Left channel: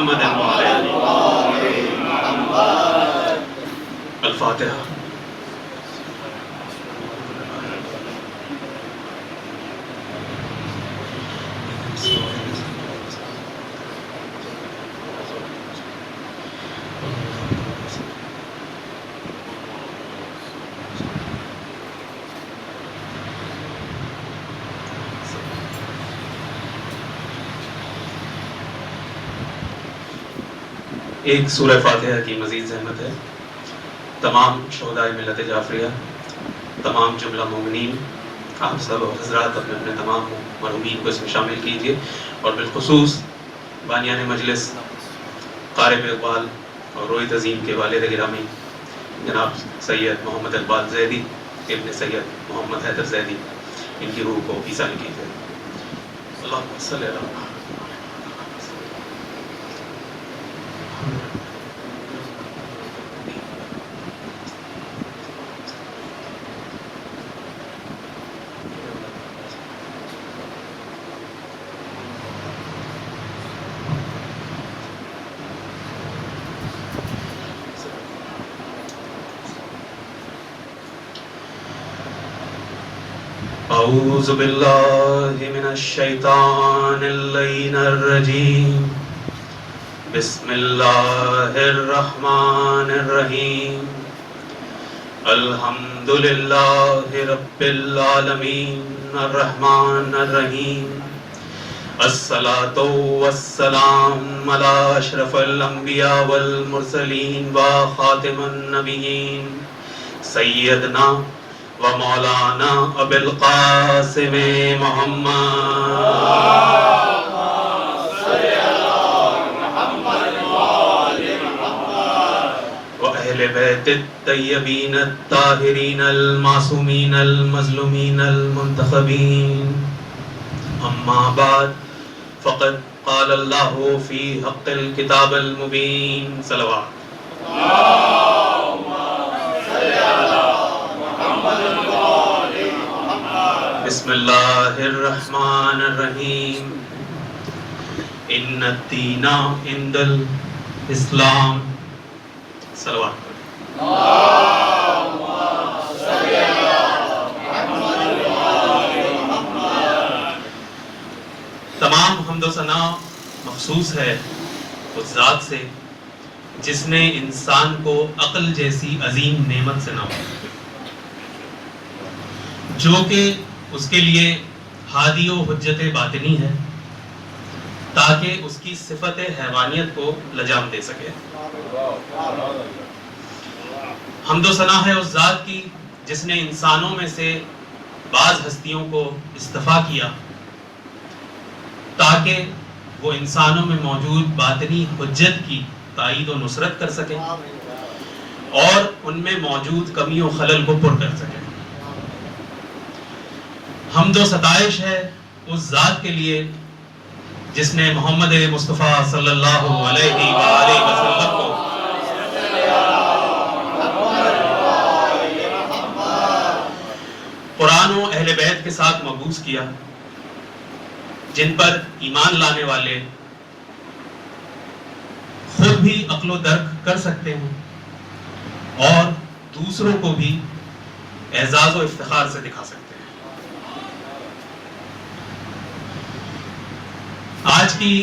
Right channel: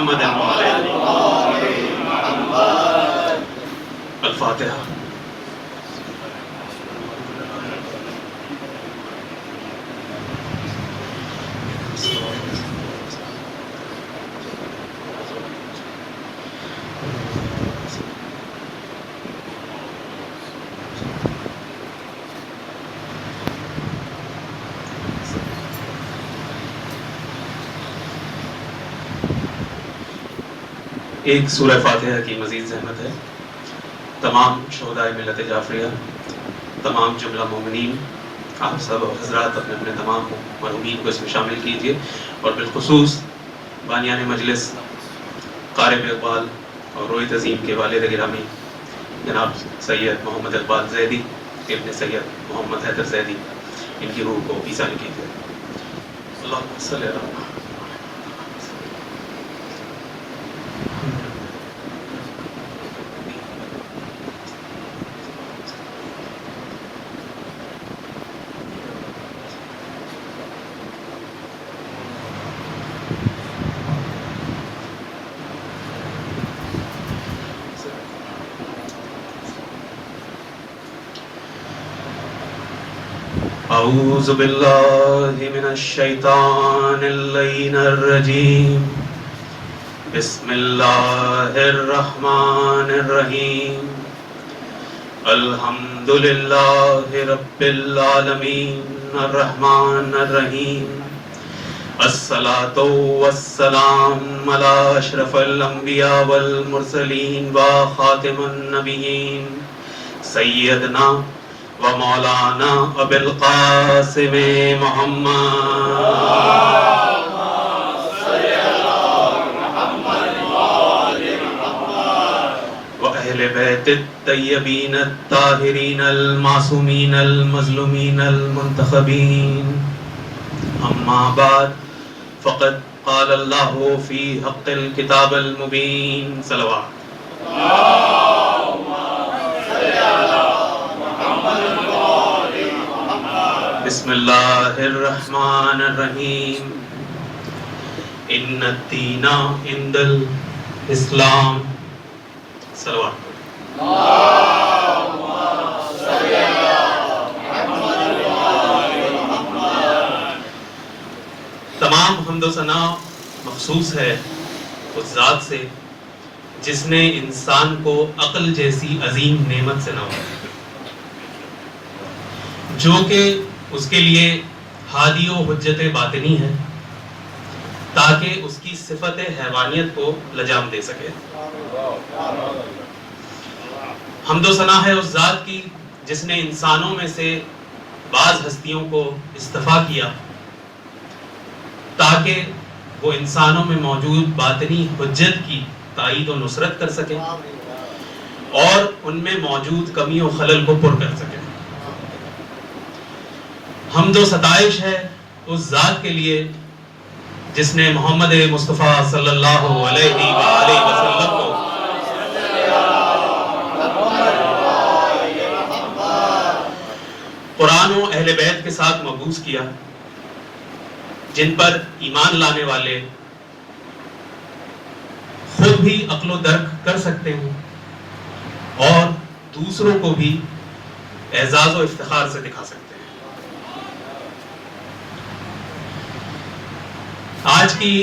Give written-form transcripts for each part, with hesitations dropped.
محمد الفاتحہ۔ ایک سورہ فاتحہ کی مزید زحمت ہے۔ تمام شہدائے ملت جعفریہ، تمام جملہ مومنین، آپ سب حضرات اپنے اپنے تمام مرحومین کو اس میں شامل کیجیے، اور بالخصوص بانیان مجلس قارئ اقبال اور روحیت عظیم کے والد گرامی جناب سید محمد اقبال زیدی ابن سید محمد حیدر زیدی، ان کی روح کو ایصال کیجیے۔ اللہم صلی علی محمد۔ اعوذ باللہ من الشیطان اللعین الرجیم، بسم اللہ الرحمن الرحیم، الحمد للہ رب العالمین الرحمن الرحیم، الصلاۃ والسلام علی اشرف الانبیاء والمرسلین وخاتم النبیین سیدنا و مولانا ابی القاسم محمد و اہل بیت الطیبین الطاہرین المعصومین المظلومین المنتخبین، اما بعد فقد قال اللہ فی حق الکتاب المبین، صلوات۔ بسم اللہ الرحمن الرحیم، ان الدین عند الاسلام، صلوات۔ تمام حمد و ثنا مخصوص ہے اس ذات سے جس نے انسان کو عقل جیسی عظیم نعمت سے نوازا، جو کہ اس کے لیے ہادی و حجت باطنی ہے، تاکہ اس کی صفت حیوانیت کو لجام دے سکے۔ حمد و ثنا ہے اس ذات کی جس نے انسانوں میں سے بعض ہستیوں کو اصطفیٰ کیا تاکہ وہ انسانوں میں موجود باطنی حجت کی تائید و نصرت کر سکے اور ان میں موجود کمی و خلل کو پر کر سکے۔ حمد و ستائش ہے اس ذات کے لیے جس نے محمد مصطفیٰ صلی اللہ علیہ وآلہ وسلم کو قرآن و اہل بیت کے ساتھ مبعوث کیا، جن پر ایمان لانے والے خود بھی عقل و درک کر سکتے ہیں اور دوسروں کو بھی اعزاز و افتخار سے دکھا سکتے ہیں۔ آج کی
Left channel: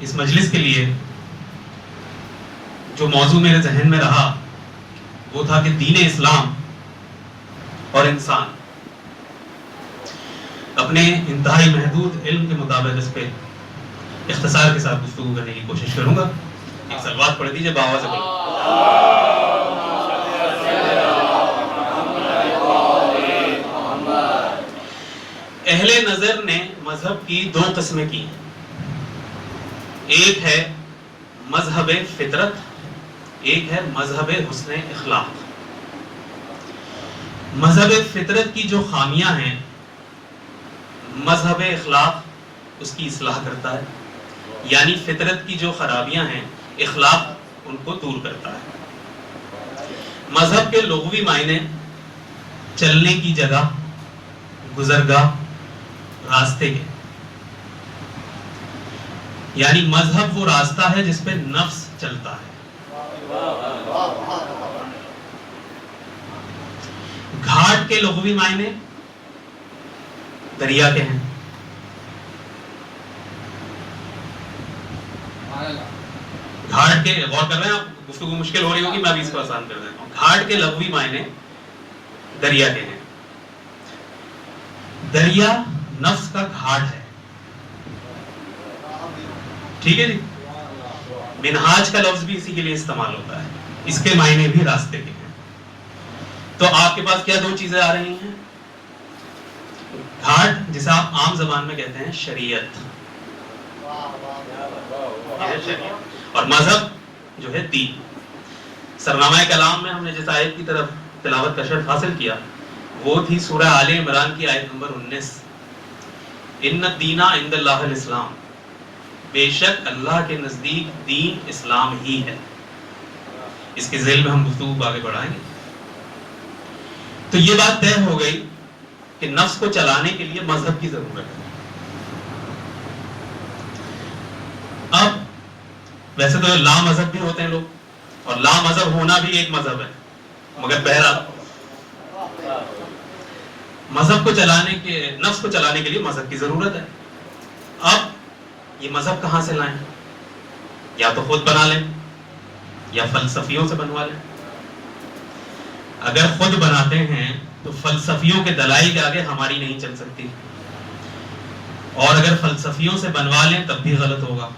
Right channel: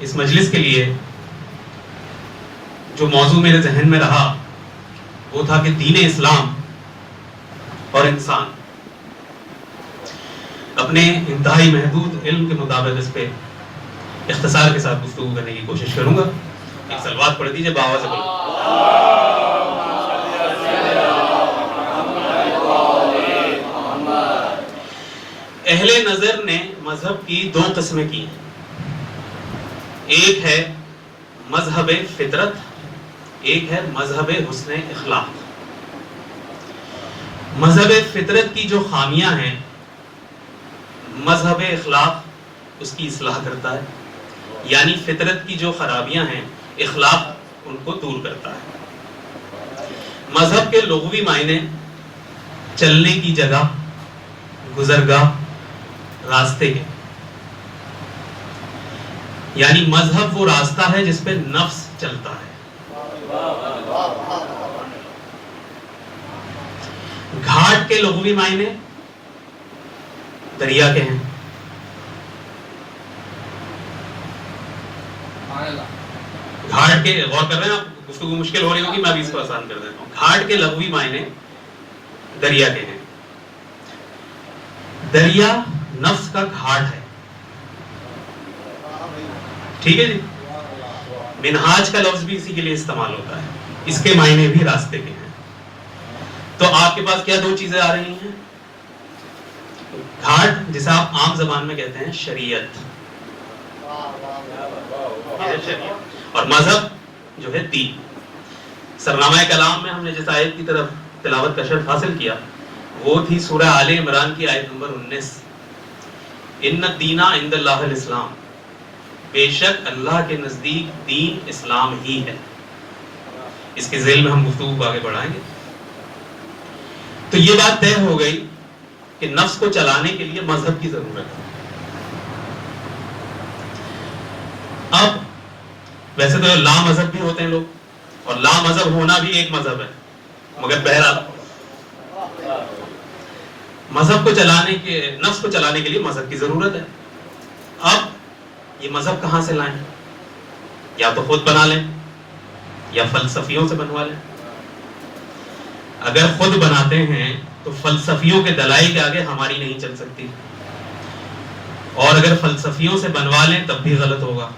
اس مجلس کے لیے جو موضوع میرے ذہن میں رہا وہ تھا کہ دین اسلام اور انسان۔ اپنے انتہائی محدود علم کے مطابق اس پہ اختصار کے ساتھ گفتگو کرنے کی کوشش کروں گا۔ ایک صلوات پڑھ دیجئے باآواز سے بولو۔ اہل نظر نے مذہب کی دو قسمیں کی، ایک ہے مذہب فطرت، ایک ہے مذہب حسن اخلاق۔ مذہب فطرت کی جو خامیاں ہیں مذہب اخلاق اس کی اصلاح کرتا ہے، یعنی فطرت کی جو خرابیاں ہیں اخلاق ان کو دور کرتا ہے۔ مذہب کے لغوی معنی چلنے کی جگہ، گزرگاہ، راستے کے۔ یعنی مذہب وہ راستہ ہے جس پہ نفس چلتا ہے. گھاٹ کے لغوی معنی دریا کے ہیں. گھاٹ کے غور کر رہے ہیں آپ, اس کو مشکل ہو رہی ہوگی, میں ابھی اس کو آسان کر دیتا ہوں. گھاٹ کے لغوی معنی دریا کے ہیں. دریا نفس کا گھاٹ ہے. ٹھیک ہے جی. منہاج کا لفظ بھی اسی کے لیے استعمال ہوتا ہے, اس کے معنی بھی راستے کے ہیں. تو آپ کے پاس کیا دو چیزیں آ رہی ہیں؟ گھاٹ جسے آپ عام زبان میں کہتے ہیں شریعت, اور مذہب جو ہے دین. سرنامہ کلام میں ہم نے جس آیت کی طرف تلاوت کا شرف حاصل کیا وہ تھی سورہ آل عمران کی آیت نمبر 19. ان الدین عند اللہ الاسلام, بے شک اللہ کے نزدیک دین اسلام ہی ہے. اس کے ذیل میں ہم گفتگو کو آگے بڑھائیں گے. تو یہ بات طے ہو گئی کہ نفس کو چلانے کے لیے مذہب کی ضرورت ہے. اب ویسے تو لا مذہب بھی ہوتے ہیں لوگ, اور لا مذہب ہونا بھی ایک مذہب ہے, مگر بہرحال مذہب کو چلانے کے, نفس کو چلانے کے لیے مذہب کی ضرورت ہے. اب یہ مذہب کہاں سے لائیں؟ یا تو خود بنا لیں یا فلسفیوں سے بنوا لیں. اگر خود بناتے ہیں تو فلسفیوں کے دلائل کے آگے ہماری نہیں چل سکتی, اور اگر فلسفیوں سے بنوا لیں تب بھی غلط ہوگا,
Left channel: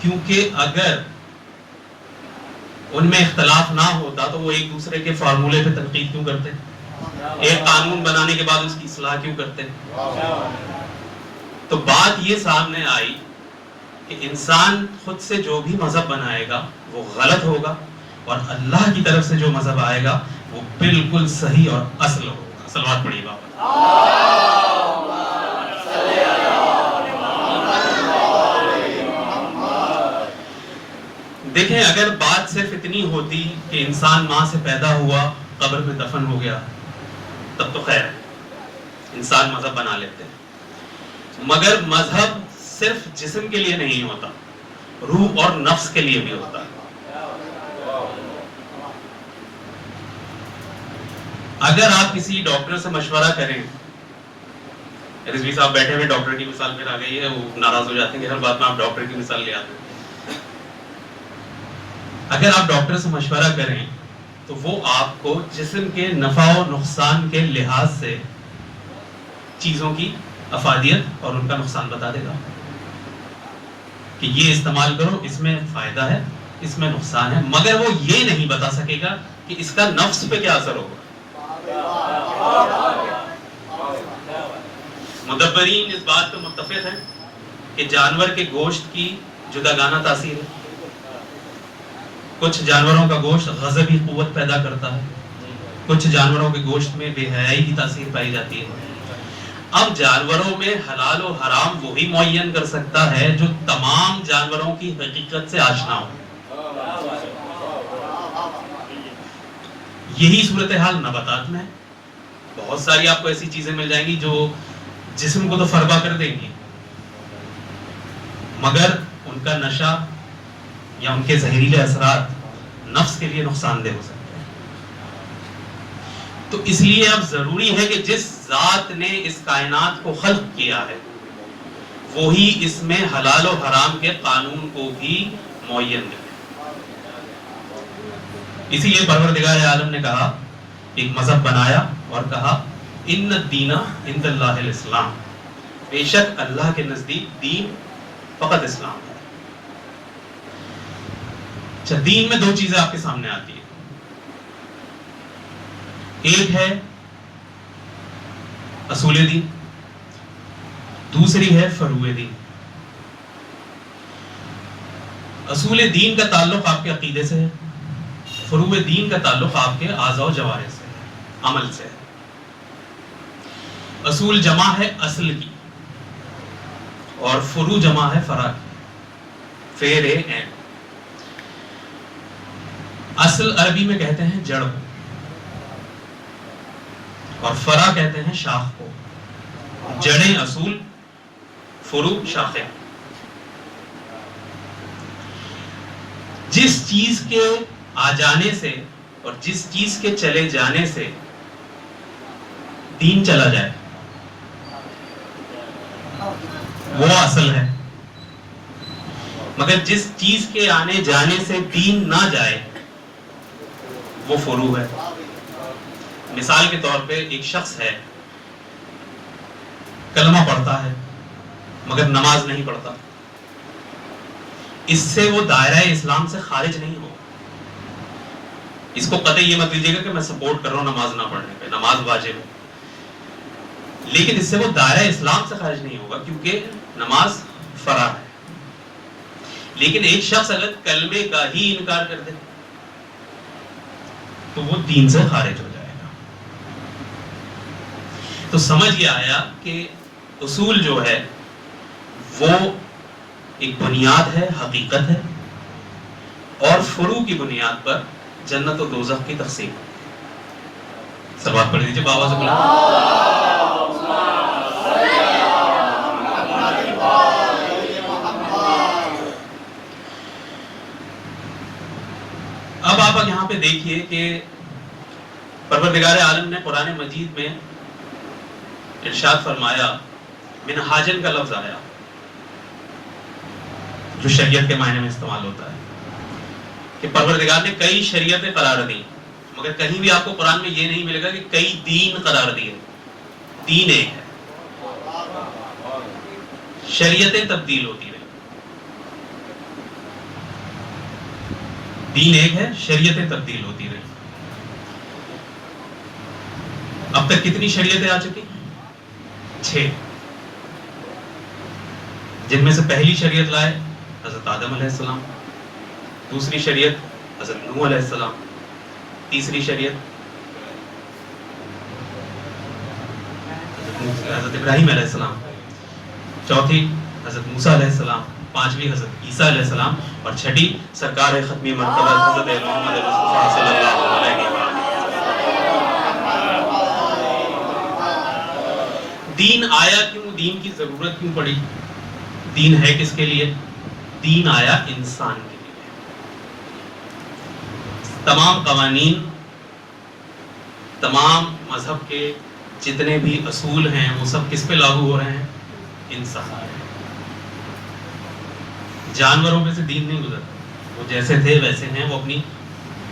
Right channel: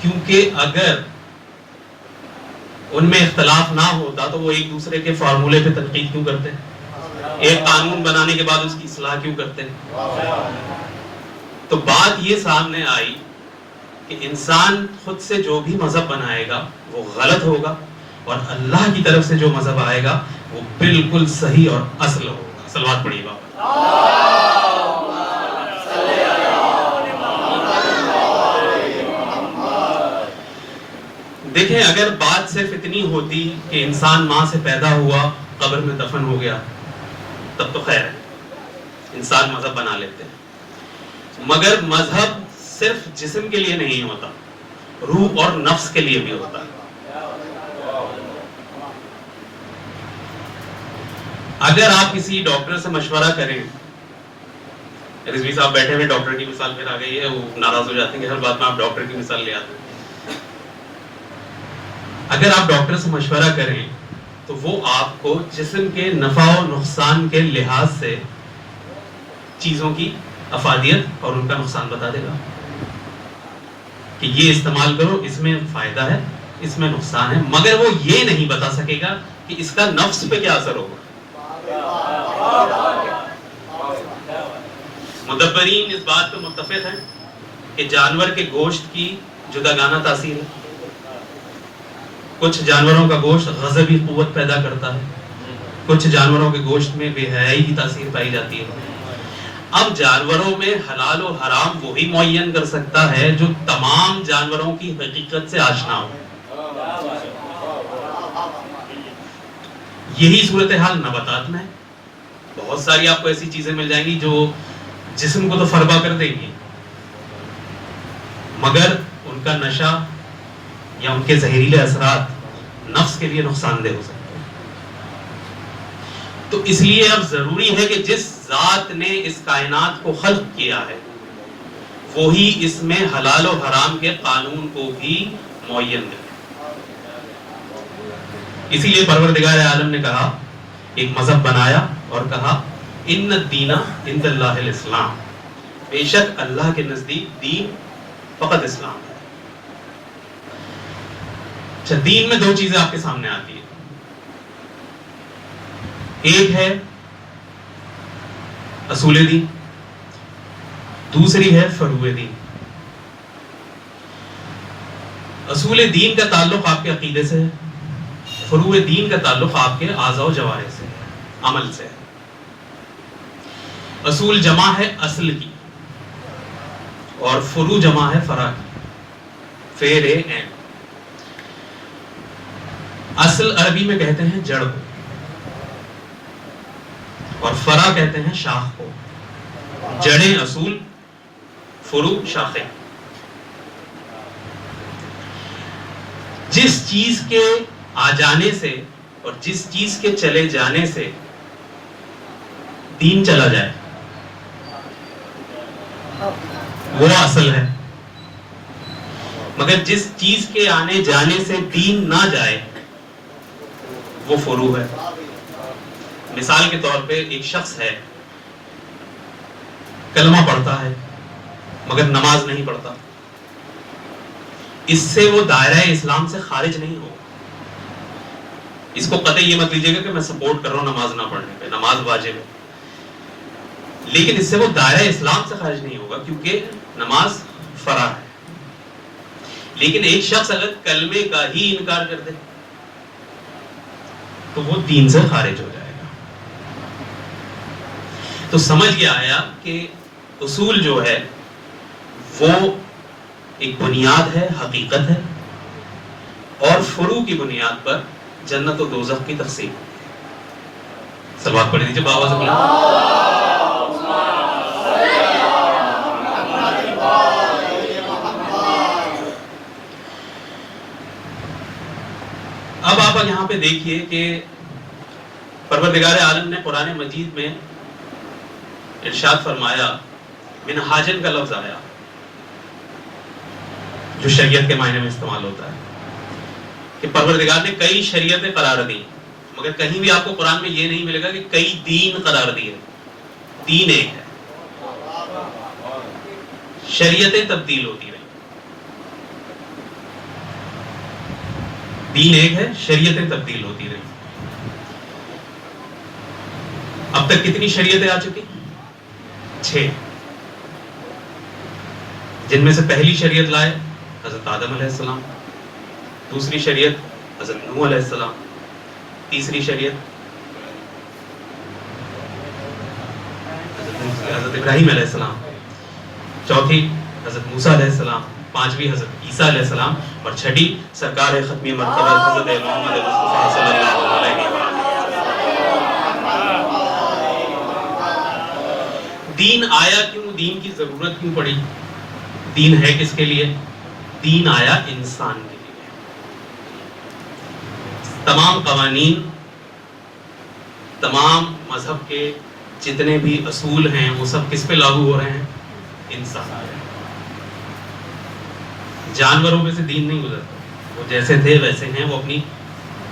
کیونکہ اگر ان میں اختلاف نہ ہوتا تو وہ ایک دوسرے کے فارمولے پہ تنقید کیوں کرتے؟ ایک قانون بنانے کے بعد اس کی اصلاح کیوں کرتے؟ تو بات یہ سامنے آئی کہ انسان خود سے جو بھی مذہب بنائے گا وہ غلط ہوگا, اور اللہ کی طرف سے جو مذہب آئے گا وہ بالکل صحیح اور اصل ہوگا. صلوات پڑھیے گا. دیکھیں, اگر بات صرف اتنی ہوتی کہ انسان ماں سے پیدا ہوا قبر میں دفن ہو گیا تب تو خیر انسان مذہب بنا لیتے ہیں, مگر مذہب صرف جسم کے لیے نہیں ہوتا, روح اور نفس کے لیے بھی ہوتا ہے. اگر آپ کسی ڈاکٹر سے مشورہ کریں, رضوی صاحب بیٹھے ہوئے ڈاکٹر کی مثال پھر آ گئی ہے, وہ ناراض ہو جاتے ہیں کہ ہر بات میں آپ ڈاکٹر کی مثال لے آتے ہیں. اگر آپ ڈاکٹر سے مشورہ کریں تو وہ آپ کو جسم کے نفع و نقصان کے لحاظ سے چیزوں کی افادیت اور ان کا نقصان بتا دے گا کہ یہ استعمال کرو, اس میں فائدہ ہے, اس میں نقصان ہے, مگر وہ یہ نہیں بتا سکے گا کہ اس کا نفس پہ کیا اثر ہوگا. مدبرین اس بات پہ متفق ہیں کہ جانور کے گوشت کی جداگانہ تاثیر ہے. کچھ جانوروں کا گوشت غضبی قوت پیدا کرتا ہے, کچھ جانوروں کے گوشت میں بے حیائی کی تاثیر پائی جاتی ہے. اب جانوروں میں حلال و حرام وہی معین کر سکتا ہے جو تمام جانوروں کی حقیقت سے آشنا ہو. یہی صورتحال نباتات میں. بہت ساری آپ کو ایسی چیزیں مل جائیں گی جو جسم کو تو فربا کر دیں گی, مگر ان کا نشہ یا ان کے زہریلے اثرات نفس کے لیے نقصان دہ ہو سکتے ہیں. تو اس لیے اب ضروری ہے کہ جس ذات نے اس کائنات کو خلق کیا ہے وہی اس میں حلال و حرام کے قانون کو بھی معین کرے. اسی لیے پروردگار عالم نے کہا, ایک مذہب بنایا اور کہا ان الدین عند اللہ الاسلام, بے شک اللہ کے نزدیک دین فقط اسلام ہے. اچھا, دین میں دو چیزیں آپ کے سامنے آتی ہیں. ایک ہے اصول دین, دوسری ہے فروع دین. اصول دین کا تعلق آپ کے عقیدے سے ہے, فروع دین کا تعلق آپ کے اعضاء و جوارح سے ہے, عمل سے ہے. اصول جمع ہے اصل کی اور فروع جمع ہے فرع کی. فیر این. اصل عربی میں کہتے ہیں جڑ کو, اور فرع کہتے ہیں شاخ کو. جڑیں اصول, فروع شاخیں. جس چیز کے آ جانے سے اور جس چیز کے چلے جانے سے دین چلا جائے وہ اصل ہے، مگر جس چیز کے آنے جانے سے دین نہ جائے وہ فروع ہے۔ مثال کے طور پہ ایک شخص ہے، کلمہ پڑھتا ہے مگر نماز نہیں پڑھتا، اس سے وہ دائرہ اسلام سے خارج نہیں ہوگا۔ اس کو قطعی یہ مت لیجیے گا کہ میں سپورٹ کر رہا ہوں نماز نہ پڑھنے پہ، نماز واجب ہے، لیکن اس سے وہ دائرہ اسلام سے خارج نہیں ہوگا کیونکہ نماز فرض ہے۔ لیکن ایک شخص اگر کلمے کا ہی انکار کر دے تو وہ دین سے خارج ہو جائے گا۔ تو سمجھ یہ آیا کہ اصول جو ہے وہ ایک بنیاد ہے، حقیقت ہے، اور فروع کی بنیاد پر جنت و دوزخ کی تقسیم۔ سلوات پڑھ لیجیے بابا سے بلا۔ اب آپ یہاں پہ دیکھیے کہ پروردگار عالم نے قرآن مجید میں ارشاد فرمایا، منہاجن کا لفظ آیا جو شریعت کے معنی میں استعمال ہوتا ہے کہ پروردگار نے کئی شریعتیں قرار دی، مگر کہیں بھی آپ کو قرآن میں یہ نہیں ملے گا کہ کئی دین قرار دیے۔ دین ایک ہے، شریعتیں تبدیل ہوتی رہی۔ دین ایک ہے، شریعتیں تبدیل ہوتی رہی۔ اب تک کتنی شریعتیں آ چکی؟ 6، جن میں سے پہلی شریعت لائے حضرت آدم علیہ السلام، دوسری شریعت حضرت نوح علیہ السلام، تیسری شریعت حضرت ابراہیم علیہ السلام، چوتھی حضرت موسیٰ علیہ السلام، پانچویں حضرت عیسیٰ علیہ السلام، اور چھٹی سرکار ختمی مرتبہ حضرت محمد مصطفیٰ صلی اللہ علیہ وسلم۔ دین آیا کیوں؟ دین کی ضرورت کیوں پڑی؟ دین ہے کس کے لیے؟ دین آیا انسان کے لیے۔ تمام قوانین، تمام مذہب کے جتنے بھی اصول ہیں وہ سب کس پہ لاگو ہو رہے ہیں؟ انسان پہ۔ جانوروں میں سے دین نہیں گزرتا، وہ جیسے تھے ویسے ہیں، وہ اپنی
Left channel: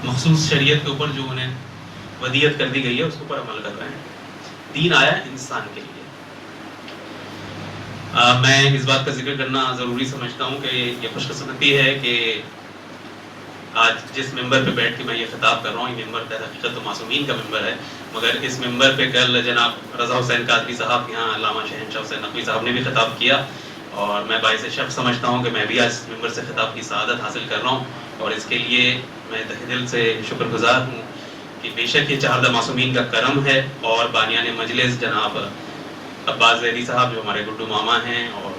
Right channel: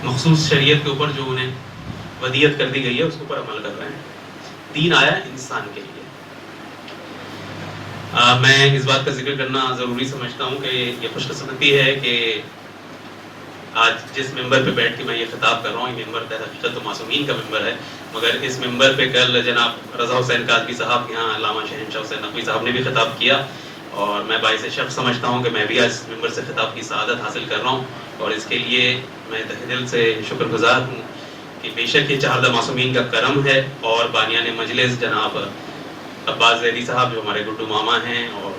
مخصوص شریعت کے اوپر جو انہیں ودیت کر دی گئی ہے اس کے اوپر عمل کر رہے ہیں۔ دین آیا انسان کے لیے۔ میں اس بات کا ذکر کرنا ضروری سمجھتا ہوں کہ یہ خوش قسمتی ہے کہ آج جس ممبر پہ بیٹھ کے میں یہ خطاب کر رہا ہوں، یہ ممبر حقیقت تو معصومین کا ممبر ہے، مگر اس ممبر پہ کل جناب رضا حسین قادری صاحب کے یہاں علامہ شہنشاہ حسین نقوی صاحب نے بھی خطاب کیا، اور میں باعث شرف سمجھتا ہوں کہ میں بھی آج ممبر سے خطاب کی سعادت حاصل کر رہا ہوں، اور اس کے لیے میں تہ دل سے شکر گزار ہوں کہ بے شک یہ چہاردہ معصومین کا کرم ہے، اور بانیان مجلس جناب عباس زیدی صاحب جو ہمارے گڈو ماما ہیں، اور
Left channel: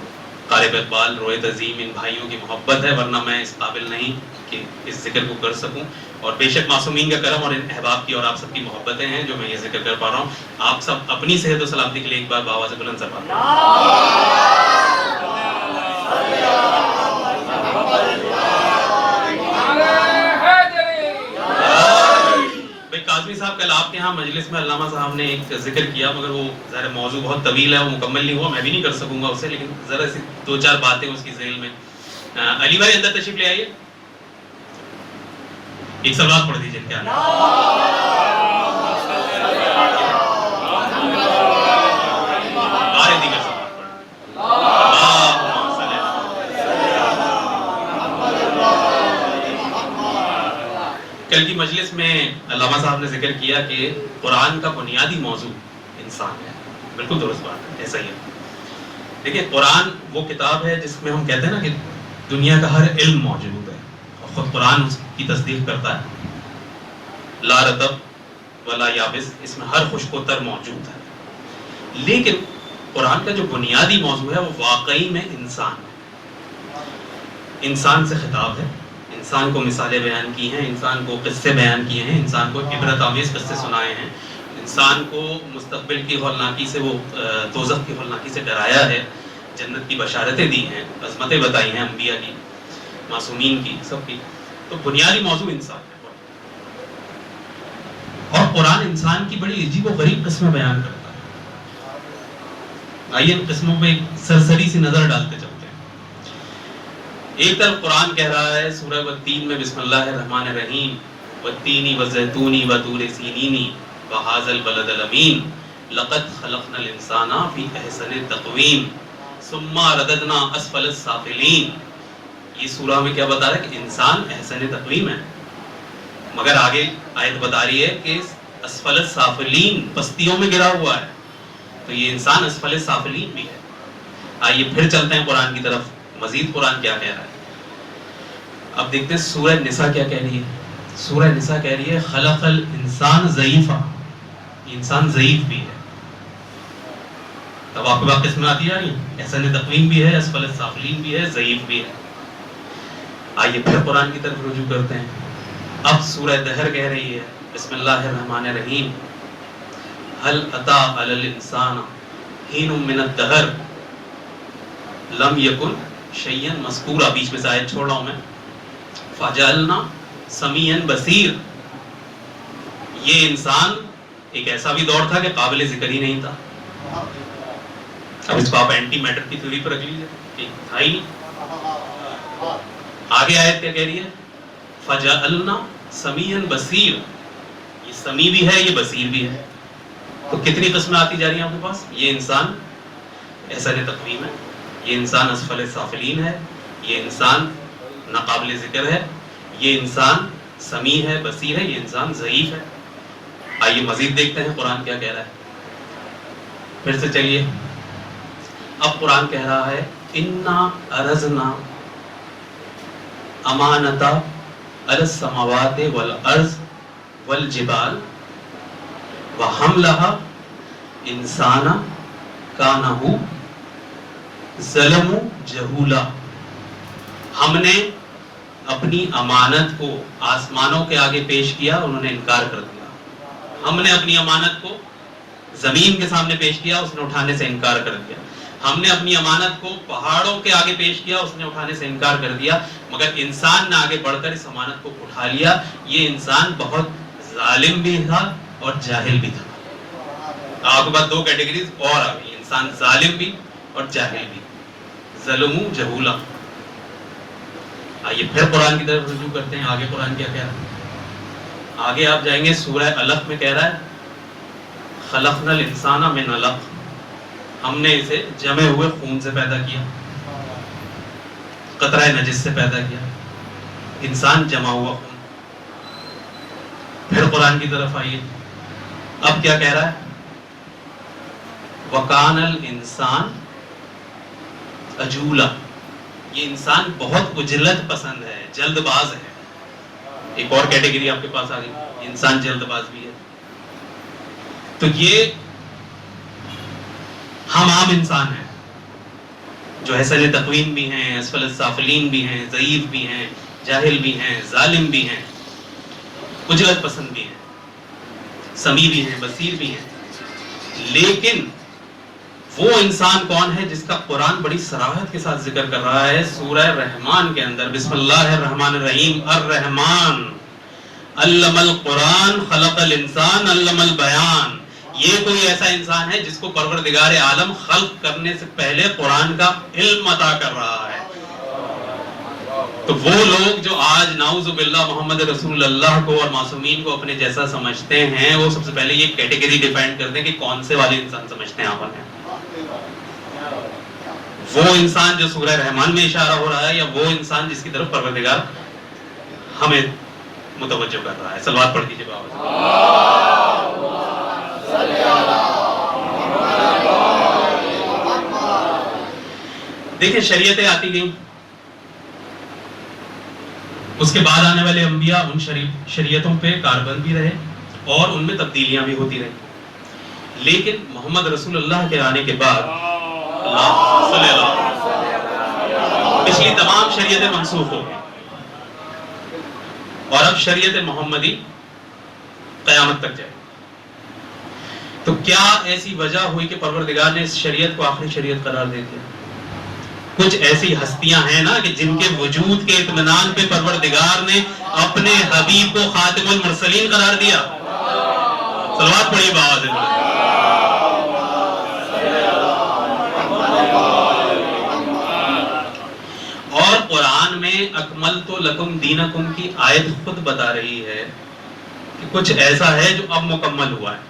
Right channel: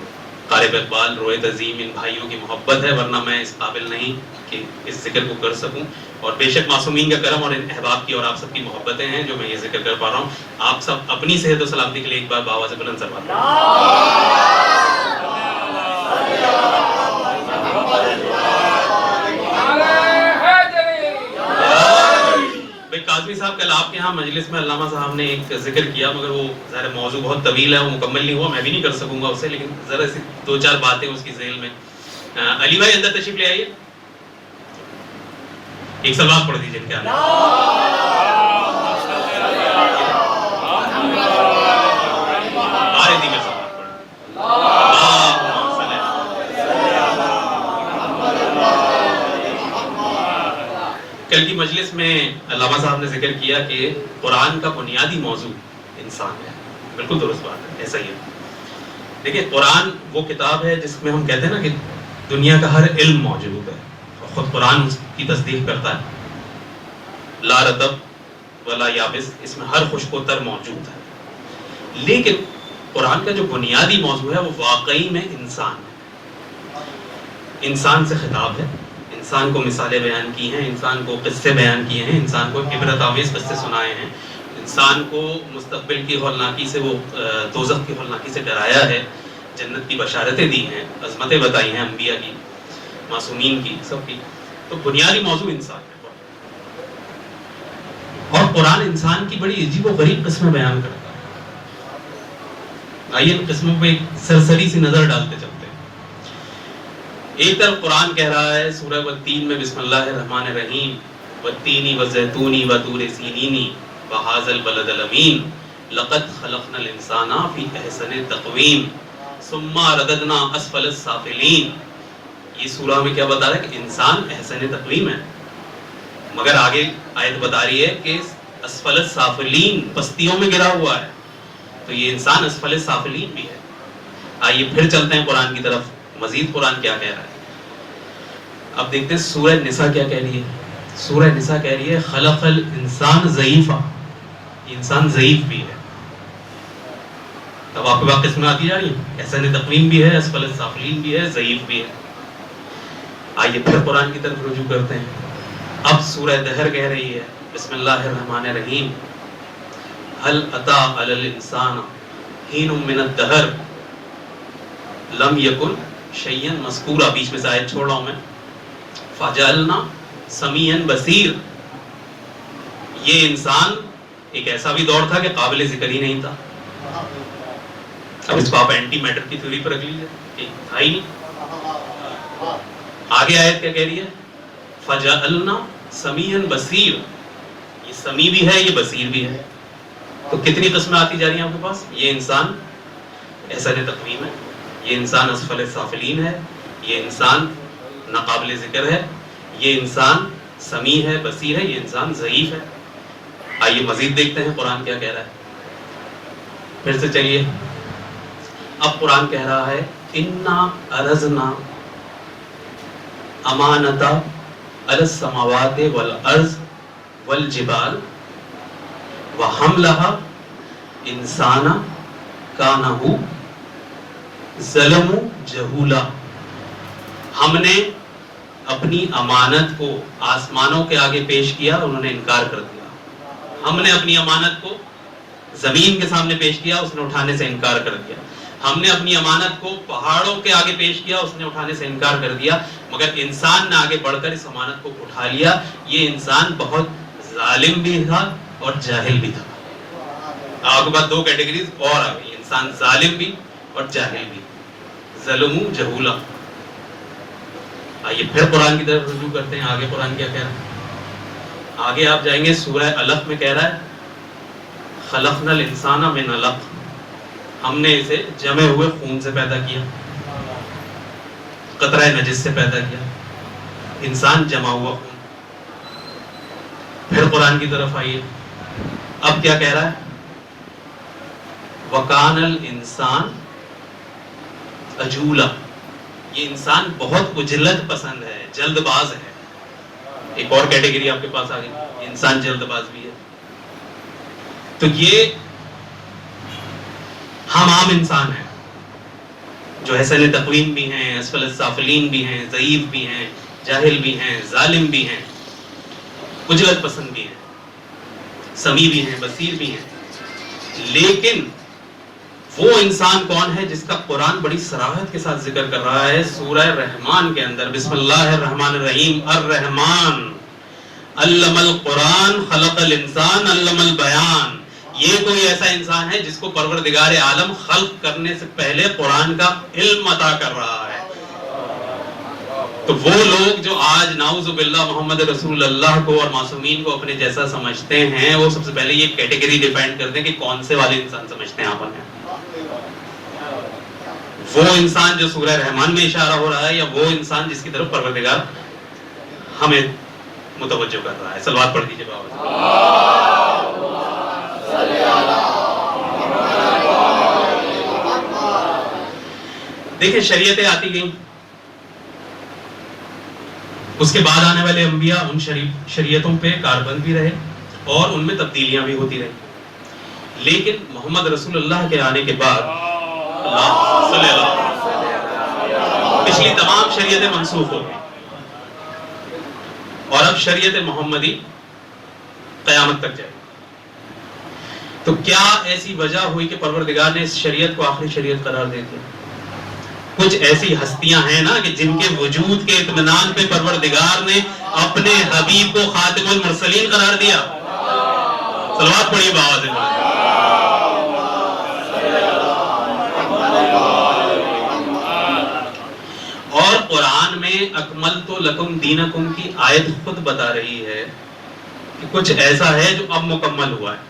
طالب اقبال، رویت عظیم، ان بھائیوں کی محبت ہے، ورنہ میں اس قابل نہیں کہ اس ذکر کو کر سکوں، اور بے شک معصومین کا کرم اور ان احباب کی اور آپ سب کی محبتیں ہیں جو میں یہ ذکر کر پا رہا ہوں۔ آپ سب اپنی صحت و سلامتی کے لیے ایک بار بابا سے بلند سلوات قاضمی صاحب، کل آپ کے ہاں مجلس میں علامہ صاحب نے ایک ذکر کیا، مگر وہ ظاہر موضوع بہت طویل ہے، وہ مکمل نہیں ہوا، میں بھی نہیں کر سکوں گا اسے، لیکن ذرا سی 2-4 باتیں اس کی ذیل میں۔ علی بھائی اندر تشریف لے آئیے، ایک سلوات پڑھ دیجیے ان کے کل کی مجلس میں علامہ صاحب نے ذکر کیا کہ قرآن کا بنیادی موضوع انسان ہے۔ بالکل درست بات ہے، ایسا ہی ہے۔ دیکھیں، قرآن وہ کتاب ہے جس میں ہم کہتے ہیں نا کہ دنیا کا ہر علم موجود ہے، اور خود قرآن اس کی تصدیق کرتا ہے، لا رطب ولا یابس، اس میں ہر خشک و تر موجود ہے۔ لیکن قرآن کا جو بنیادی موضوع ہے وہ واقعی میں انسان ہے، انسان سے خطاب ہے، انسان کو مثالیں بیان کی ہیں، انسان کو قصے بیان کیے ہیں، انسان کو عبرت آمیز قصے سنائے ہیں، انسان کو مستقبل کی ہولناکی سے، وہ دوزخ کی ہولناکی سے ڈرایا ہے، جنت کی بشارتیں دی ہیں، عظمتیں بتائی ہیں انبیاء کی، معصومین کی، سب کی۔ تو بنیادی موضوع انسان ہے، اور قرآن انسان کی بڑی عجیب و غریب قسمیں بیان کرتا ہے۔ آئیے قسموں پہ ایک سرسری سی نظر ڈالتے چلتے ہیں۔ ایک طرف قرآن کہہ رہا ہے سورہ والتین میں بسم اللہ الرحمن الرحیم، والتین والزیتون وطور سینین وہذا البلد الامین لقد خلقنا الانسان فی احسن تقویم ثم رددنا اسفل السافلین۔ یہ سورہ میں کیا بتا رہا ہے کہ انسان احسن تقویم ہے، مگر آگے آیت بتا رہی ہے کہ اسفل السافلین، پستیوں میں گرا ہوا ہے، تو یہ انسان اسفل السافلین بھی ہے۔ آئیے پھر چلتے ہیں قرآن کی طرف، مزید قرآن کیا کہہ رہا ہے۔ اب دیکھتے ہیں سورہ نساء کیا کہہ رہی ہے۔ سورہ نساء کہہ رہی ہے خلق الانسان ضعیفا، انسان ضعیف بھی ہے۔ اب آپ کے پاس قسمیں آتی جا رہی ہیں، احسن تقویم بھی ہے، اسفل السافلین بھی ہے، ضعیف بھی ہے۔ آئیے پھر قرآن کی طرف رجوع کرتے ہیں۔ اب سورہ دہر کہہ رہی ہے بسم اللہ الرحمن الرحیم، هل اتى على الانسان حين من الدهر لم يكن شيئا مذکورا، بیچ میں سے آیت چھوڑ رہا ہوں میں، فجعلنا سمیعا بصیر۔ یہ انسان ایک ایسا بھی دور تھا کہ قابل ذکر ہی نہیں تھا۔ اب اس کو آپ اینٹی میٹر کی تھیوری پر رکھ لیجیے، تھا ہی نہیں۔ آگے آیت کیا کہہ رہی ہے، فجعلنا سمیعا بصیر، یہ سمیع بھی ہے، یہ بصیر بھی ہے۔ تو کتنی قسمیں آتی جا رہی ہیں آپ کے پاس؟ یہ انسان احسن تقویم ہے، یہ انسان اسفل السافلین ہے، یہ انسان ناقابل ذکر ہے، یہ انسان سمیع ہے، بصیر ہے، یہ انسان ضعیف ہے۔ آئیے مزید دیکھتے ہیں قرآن کیا کہہ رہا ہے۔ پھر سے چلیے، اب قرآن کہہ رہا ہے انا عرضنا امانتا علی السماوات والارض والجبال وحملها انسان کانہ ظلم جہولا۔ ہم نے اپنی امانت کو آسمانوں کے آگے پیش کیا، انہوں نے انکار کر دیا۔ ہم نے اپنی امانت کو زمین کے سامنے پیش کیا، اس نے اٹھانے سے انکار کر دیا۔ ہم نے اپنی امانت کو پہاڑوں کے آگے پیش کیا، اس نے اٹھانے سے انکار کر دیا، مگر انسان نے آگے بڑھ کر اس امانت کو اٹھا لیا۔ یہ انسان بہت ظالم بھی تھا اور جاہل بھی تھا۔ آپ کے بعد دو کیٹیگریز اور آ گئی، انسان ظالم بھی اور جاہل بھی، ظلم جہولا۔ آئیے پھر قرآن کی طرف رجوع کرتے ہیں، آگے قرآن کیا کہہ رہا ہے۔ آگے آپ جائیں گے سورہ علق میں کہہ رہا ہے خلقنا الانسان من علق، ہم نے اسے جمے ہوئے خون سے پیدا کیا، قطرہ نجس سے پیدا کیا، انسان جمع ہوا خون۔ پھر قرآن کی طرف آئیے، اب کیا کہہ رہا ہے، وَكَانَ الْإِنسَانُ عَجُولًا، یہ انسان بہت عجلت پسند ہے، جلد باز ہے۔ ایک اور کیٹیگری آپ کے پاس آ گئی، انسان جلد باز بھی ہے۔ تو یہ ہم عام انسان ہیں جو احسن تقویم بھی ہیں، اسفل السافلین بھی ہیں، ضعیف بھی ہیں، جاہل بھی ہیں، ظالم بھی ہیں، عجلت پسند بھی ہیں، سمیع بھی ہیں، بصیر بھی ہیں۔ لیکن وہ انسان کون ہے جس کا قرآن بڑی صراحت کے ساتھ ذکر کر رہا ہے سورہ رحمان کے اندر، بسم اللہ الرحمن الرحیم، الرحمن علم القرآن خلق الانسان علم البیان۔ یہ کوئی ایسا انسان ہے جس کو پروردگار عالم خلق کرنے سے پہلے قرآن کا علم عطا کر رہا ہے۔ تو وہ لوگ جو آج نعوذ باللہ محمد رسول اللہ کو اور معصومین کو اپنے جیسا سمجھتے ہیں، وہ سب سے پہلے یہ کیٹیگری ڈیفائن کر دیں کہ کون سے والے انسان سمجھتے ہیں آپ ہیں۔ وہ انسان جو سورہ رحمان میں اشارہ ہو رہا ہے، یا وہ انسان جس کی طرف پروردگار ہمیں متوجہ کر رہا ہے؟ صلوات پڑھ دیجیے بابا۔ دیکھیں شریعتیں آتی گئیں، اس کے بعد آنے والے انبیاء ان شریعتوں پہ کاربند بھی رہے اور ان میں تبدیلیاں بھی ہوتی رہی، لیکن محمد رسول اللہ کے آنے کے بعد پچھلی تمام شریعتیں منسوخ ہو گئی اور اب شریعت محمدی قیامت تک جائے۔ تو کیا ایسی وجہ ہوئی کہ پروردگار نے اس شریعت کو آخری شریعت قرار دے دیا؟ کچھ ایسی ہستیاں ہیں نا کہ جن کے وجود کے اطمینان پہ پروردگار نے اپنے حبیب کو خاتم المرسلین قرار دیا. صلوات پڑھیے بابا سے. اور قرآن میں اکملت لکم دینکم کی آیت خود بتا رہی ہے کہ کچھ ایسا ہے جو اب مکمل ہوا ہے.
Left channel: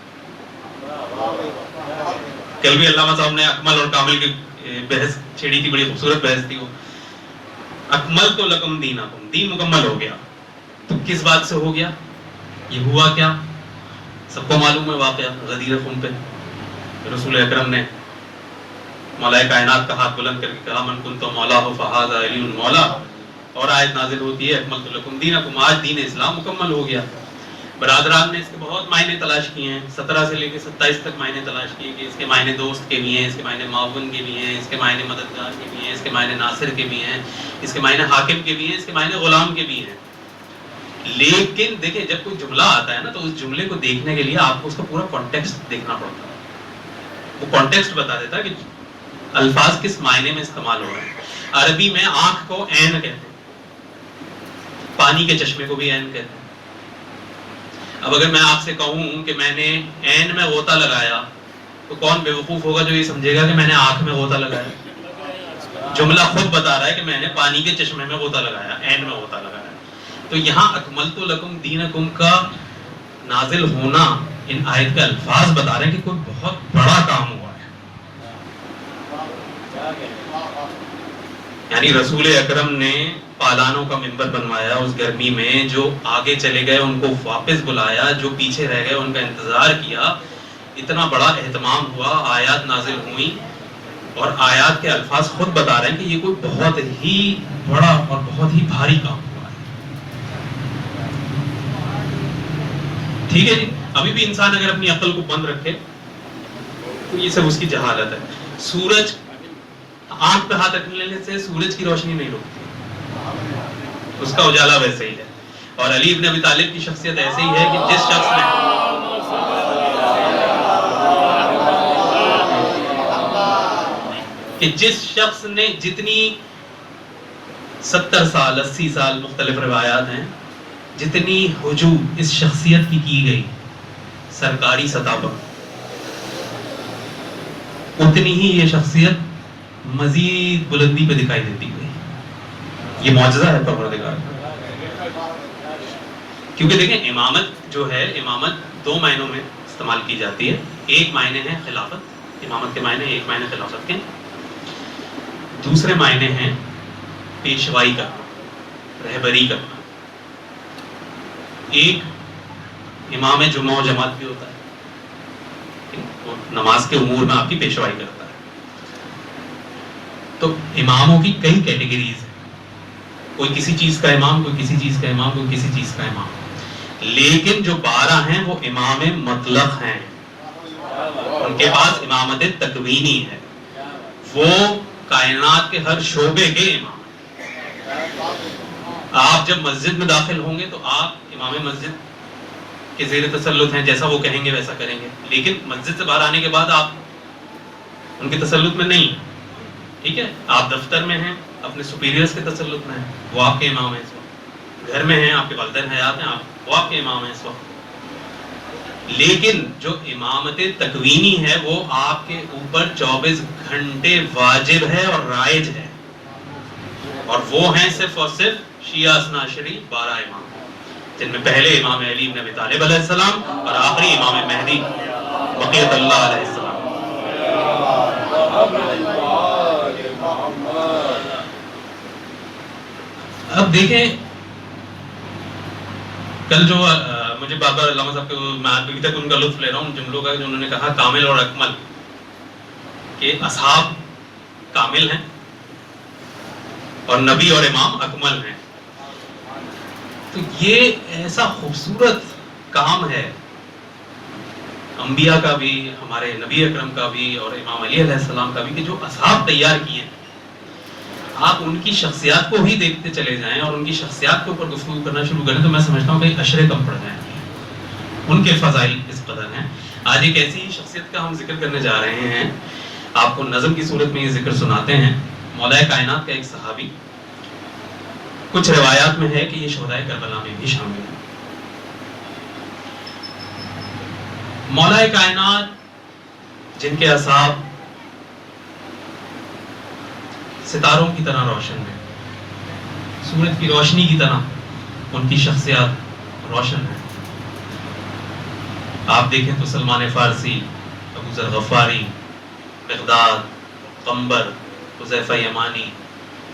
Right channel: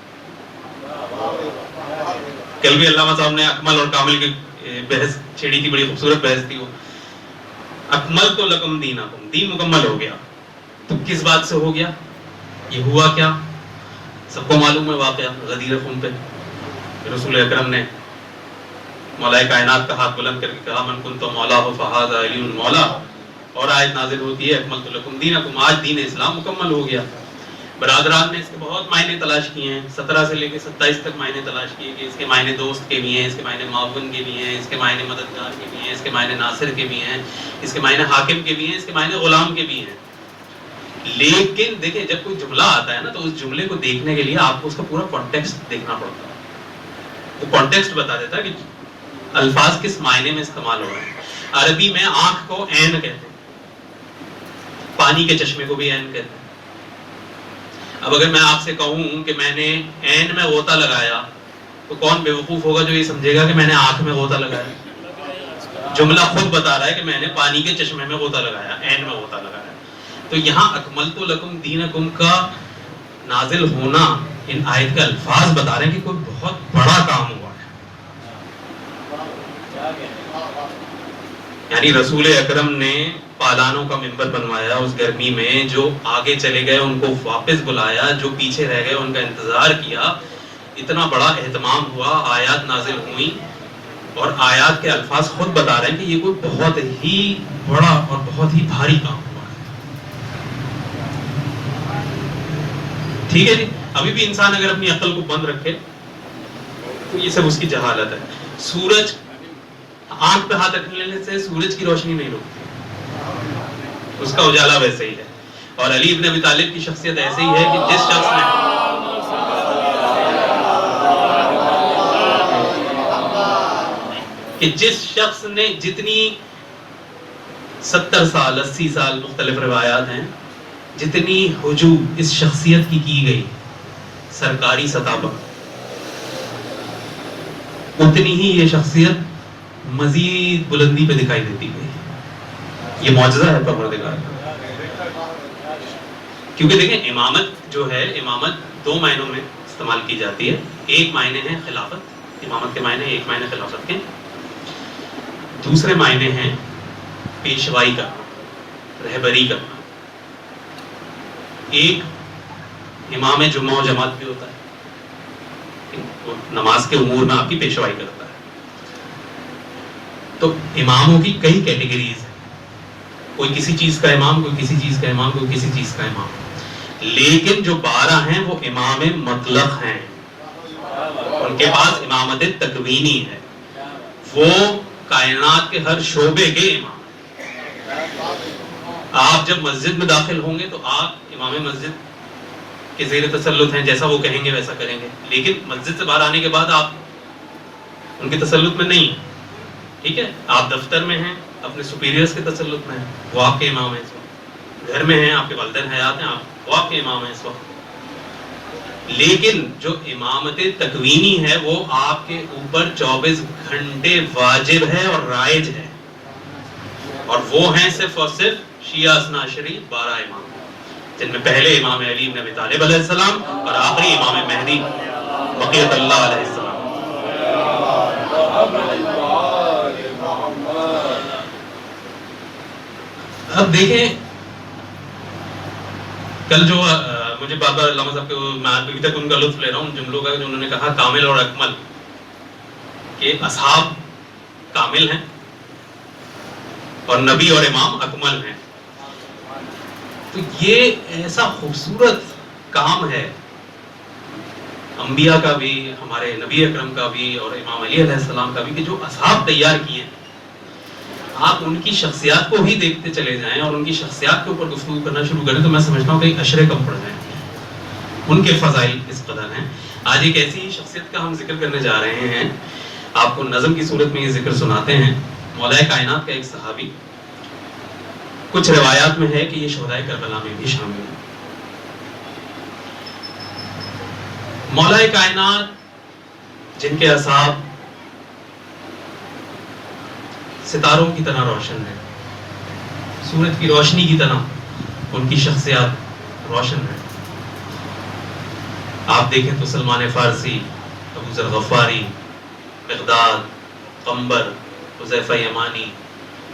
کل بھی علامہ صاحب نے اکمل اور کامل کی بحث چھیڑی تھی, بڑی خوبصورت بحث تھی وہ. اکملت لکم دینکم, دین مکمل ہو گیا. تو کس بات سے ہو گیا؟ یہ ہوا کیا؟ سب کو معلوم ہے واقعہ غدیر خون پہ. رسول اکرم نے مولا کائنات کا ہاتھ بلند کر کے کہا من کنت مولاہ فہذا علی المولا, اور آیت نازل ہوتی ہے اکملت لکم دینکم, آج دین اسلام مکمل ہو گیا. برادران نے اس کے بہت معنی تلاش کیے ہیں, 17 سے لے کے 27 تک معنی تلاش کیے کہ اس کے معنی دوست کے بھی ہیں, اس کے معنی معاون کے بھی ہیں, اس کے معنی مددگار کے بھی ہیں, اس کے معنی ناصر کے بھی ہیں, اس کے معنی حاکم کے بھی ہیں, اس کے معنی غلام کے بھی ہیں. لیکن دیکھیں جب کوئی جملہ آتا ہے نا تو اس جملے کو دیکھنے کے لیے آپ کو اس کا پورا کانٹیکسٹ دیکھنا پڑتا ہے. وہ کانٹیکسٹ بتا دیتا ہے کہ الفاظ کس معنی میں استعمال ہو رہے ہیں. عربی میں آنکھ کو عین کہتے ہیں, پانی کے چشمے کو بھی عین کہتے ہیں. اب اگر میں آپ سے کہوں کہ میں نے عین میں غوطہ لگایا تو کون بے وقوف ہوگا جو یہ سمجھے گا کہ میں نے آنکھ میں غوطہ لگایا؟ جملہ خود بتا رہا ہے کہ میں نے پانی کے چشمے میں غوطہ لگایا, عین میں غوطہ لگایا. تو یہاں اکملت لکم دینکم کا نازل ہونا ان آیت کے الفاظ بتا رہے ہیں کہ کوئی بہت بڑا کام ہوا ہے. یعنی رسول اکرم نے پالانوں کا منبر بنوایا اس گرمی میں, جو آگے چلے گئے ان کو واپس بلایا, جو پیچھے رہ گئے ان کا انتظار کیا. اتنا بڑا اہتمام ہوا, آیات نازل ہوئی اور آیات کے الفاظ خود بتا رہے ہیں کہ یہ کوئی بہت ہی بڑا اور بہت ہی بھاری کام ہوا ہے. ٹھیک ہے جی. ابھی بھی انسان اگر اپنی عقل کو بند رکھے تو یہ سب اس کی جہالت ہے. سورج, آنکھ پہ ہاتھ رکھنے سے سورج کی روشنی نہیں رکتی, اس کا اجالا ویسے ہی ہے. اور علی ابن ابی طالب کی شخصیت ایسے ہی ہے کہ جس شخص نے جتنی 70 سال 80 سال مختلف روایات ہیں, جتنی ہجوم اس شخصیت کی گئی سرکاری سطح پر, اتنی ہی یہ شخصیت مزید بلندی پہ دکھائی دیتی گئی. یہ معجزہ ہے پروردگار. کیونکہ دیکھیں امامت جو ہے, امامت 2 معنوں میں استعمال کی جاتی ہے. ایک معنی ہے خلافت, امامت کے معنی ایک معنی خلافت کے, دوسرے معنی ہیں پیشوائی کا, رہبری کا. ایک امام جمعہ و جماعت بھی ہوتا ہے, وہ نماز کے امور میں آپ کی پیشوائی کرتا ہے. تو اماموں کی کئی کیٹیگریز ہیں, کوئی کسی چیز کا امام, کوئی کسی چیز کا امام, کوئی کسی چیز کا امام. لیکن جو 12 ہیں وہ امام مطلق ہیں, ان کے پاس امامت تکوینی ہے, وہ کائنات کے ہر شعبے کے امام. آپ جب مسجد میں داخل ہوں گے تو آپ امام مسجد کے زیر تسلط ہیں, جیسا وہ کہیں گے ویسا کریں گے. لیکن مسجد سے باہر آنے کے بعد آپ ان کے تسلط میں نہیں. ٹھیک ہے, آپ دفتر میں ہیں, اپنے سپیریئرز کے تسلط میں ہیں, وہ آپ کے امام ہیں. اس وقت گھر میں ہیں, آپ کے والدین حیات ہیں, وہ آپ کے امام ہیں اس وقت. لیکن جو امامت تکوینی ہے وہ آپ کے اوپر 24 گھنٹے واجب ہے اور رائج ہے, اور وہ ہیں صرف اور صرف شیعہ اثنا عشری 12 امام, جن میں پہلے امام علی بن ابی طالب علیہ السلام اور آخری امام مہدی بقیت اللہ علیہ السلام. اب دیکھیں کل جو مجھے بار بار علامہ صاحب کے, میں ابھی تک ان کا لطف لے رہا ہوں جملوں کا, جو انہوں نے کہا کامل اور اکمل, کہ اصحاب کامل ہیں اور نبی اور امام اکمل ہیں. تو یہ ایسا خوبصورت کام ہے انبیاء کا بھی, ہمارے نبی اکرم کا بھی اور امام علی علیہ السلام کا بھی, کہ جو اصحاب تیار کیے ہیں. آپ ان کی شخصیات کو بھی دیکھتے چلے جائیں اور ان کی شخصیات کے اوپر گفتگو کرنا شروع کریں تو میں سمجھتا ہوں کہ اشرے کم پڑ جائیں. ان کے فضائل اس قدر ہیں. آج ایک ایسی شخصیت کا ہم ذکر کرنے جا رہے ہیں, آپ کو نظم کی صورت میں یہ ذکر سناتے ہیں. مولا کائنات کا ایک صحابی کچھ روایات میں ہے کہ یہ شہدائے کربلا میں بھی شامل ہیں۔ مولا کائنات جن کے اعصاب ستاروں کی طرح روشن ہے، سورج کی روشنی کی طرح ان کی شخصیات روشن ہے۔ آپ دیکھیں تو سلمان فارسی، ابو ذر غفاری، مقداد، قنبر، حذیفہ یمانی،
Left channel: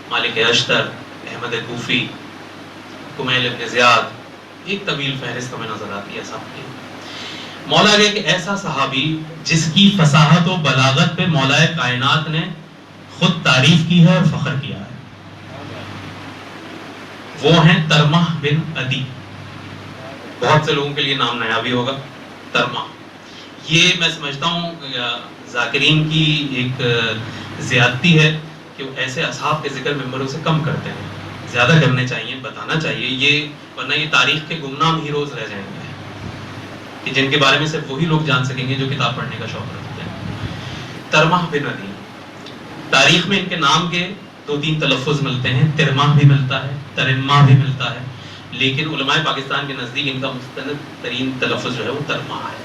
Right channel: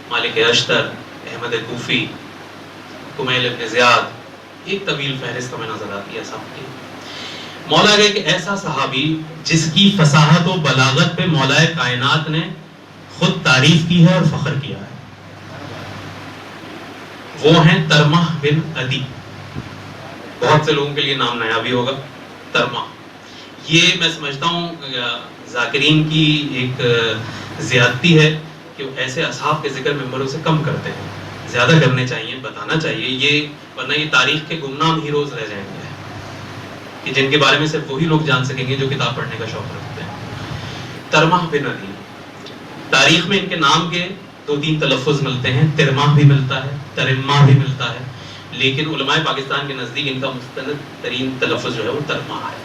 مالک اشتر، احمد کوفی، کمیل ابن زیاد، ایک طویل فہرست ہمیں نظر آتی ہے صاحب کی۔ مولا ایک ایسا صحابی جس کی فصاحت و بلاغت پہ مولا کائنات نے خود تعریف کی ہے اور فخر کیا ہے، وہ ہیں ترمح بن عدی۔ بہت سے لوگوں کے لیے نام نیا بھی ہوگا، ترمح۔ یہ میں سمجھتا ہوں ذاکرین کی ایک زیادتی ہے کہ وہ ایسے اصحاب کے ذکر ممبروں سے کم کرتے ہیں، زیادہ کرنے چاہیے، بتانا چاہیے یہ، ورنہ یہ تاریخ کے گمنام ہیروز رہ جائیں گے کہ جن کے بارے میں صرف وہی لوگ جان سکیں گے جو کتاب پڑھنے کا شوق رکھتے ہیں۔ ترمح بن عدی، تاریخ میں ان کے نام کے 2-3 تلفظ ملتے ہیں، ترمح بھی ملتا ہے، ترمہ بھی ملتا ہے، لیکن علماء پاکستان کے نزدیک ان کا مستند ترین تلفظ جو ہے وہ ترمہ ہے،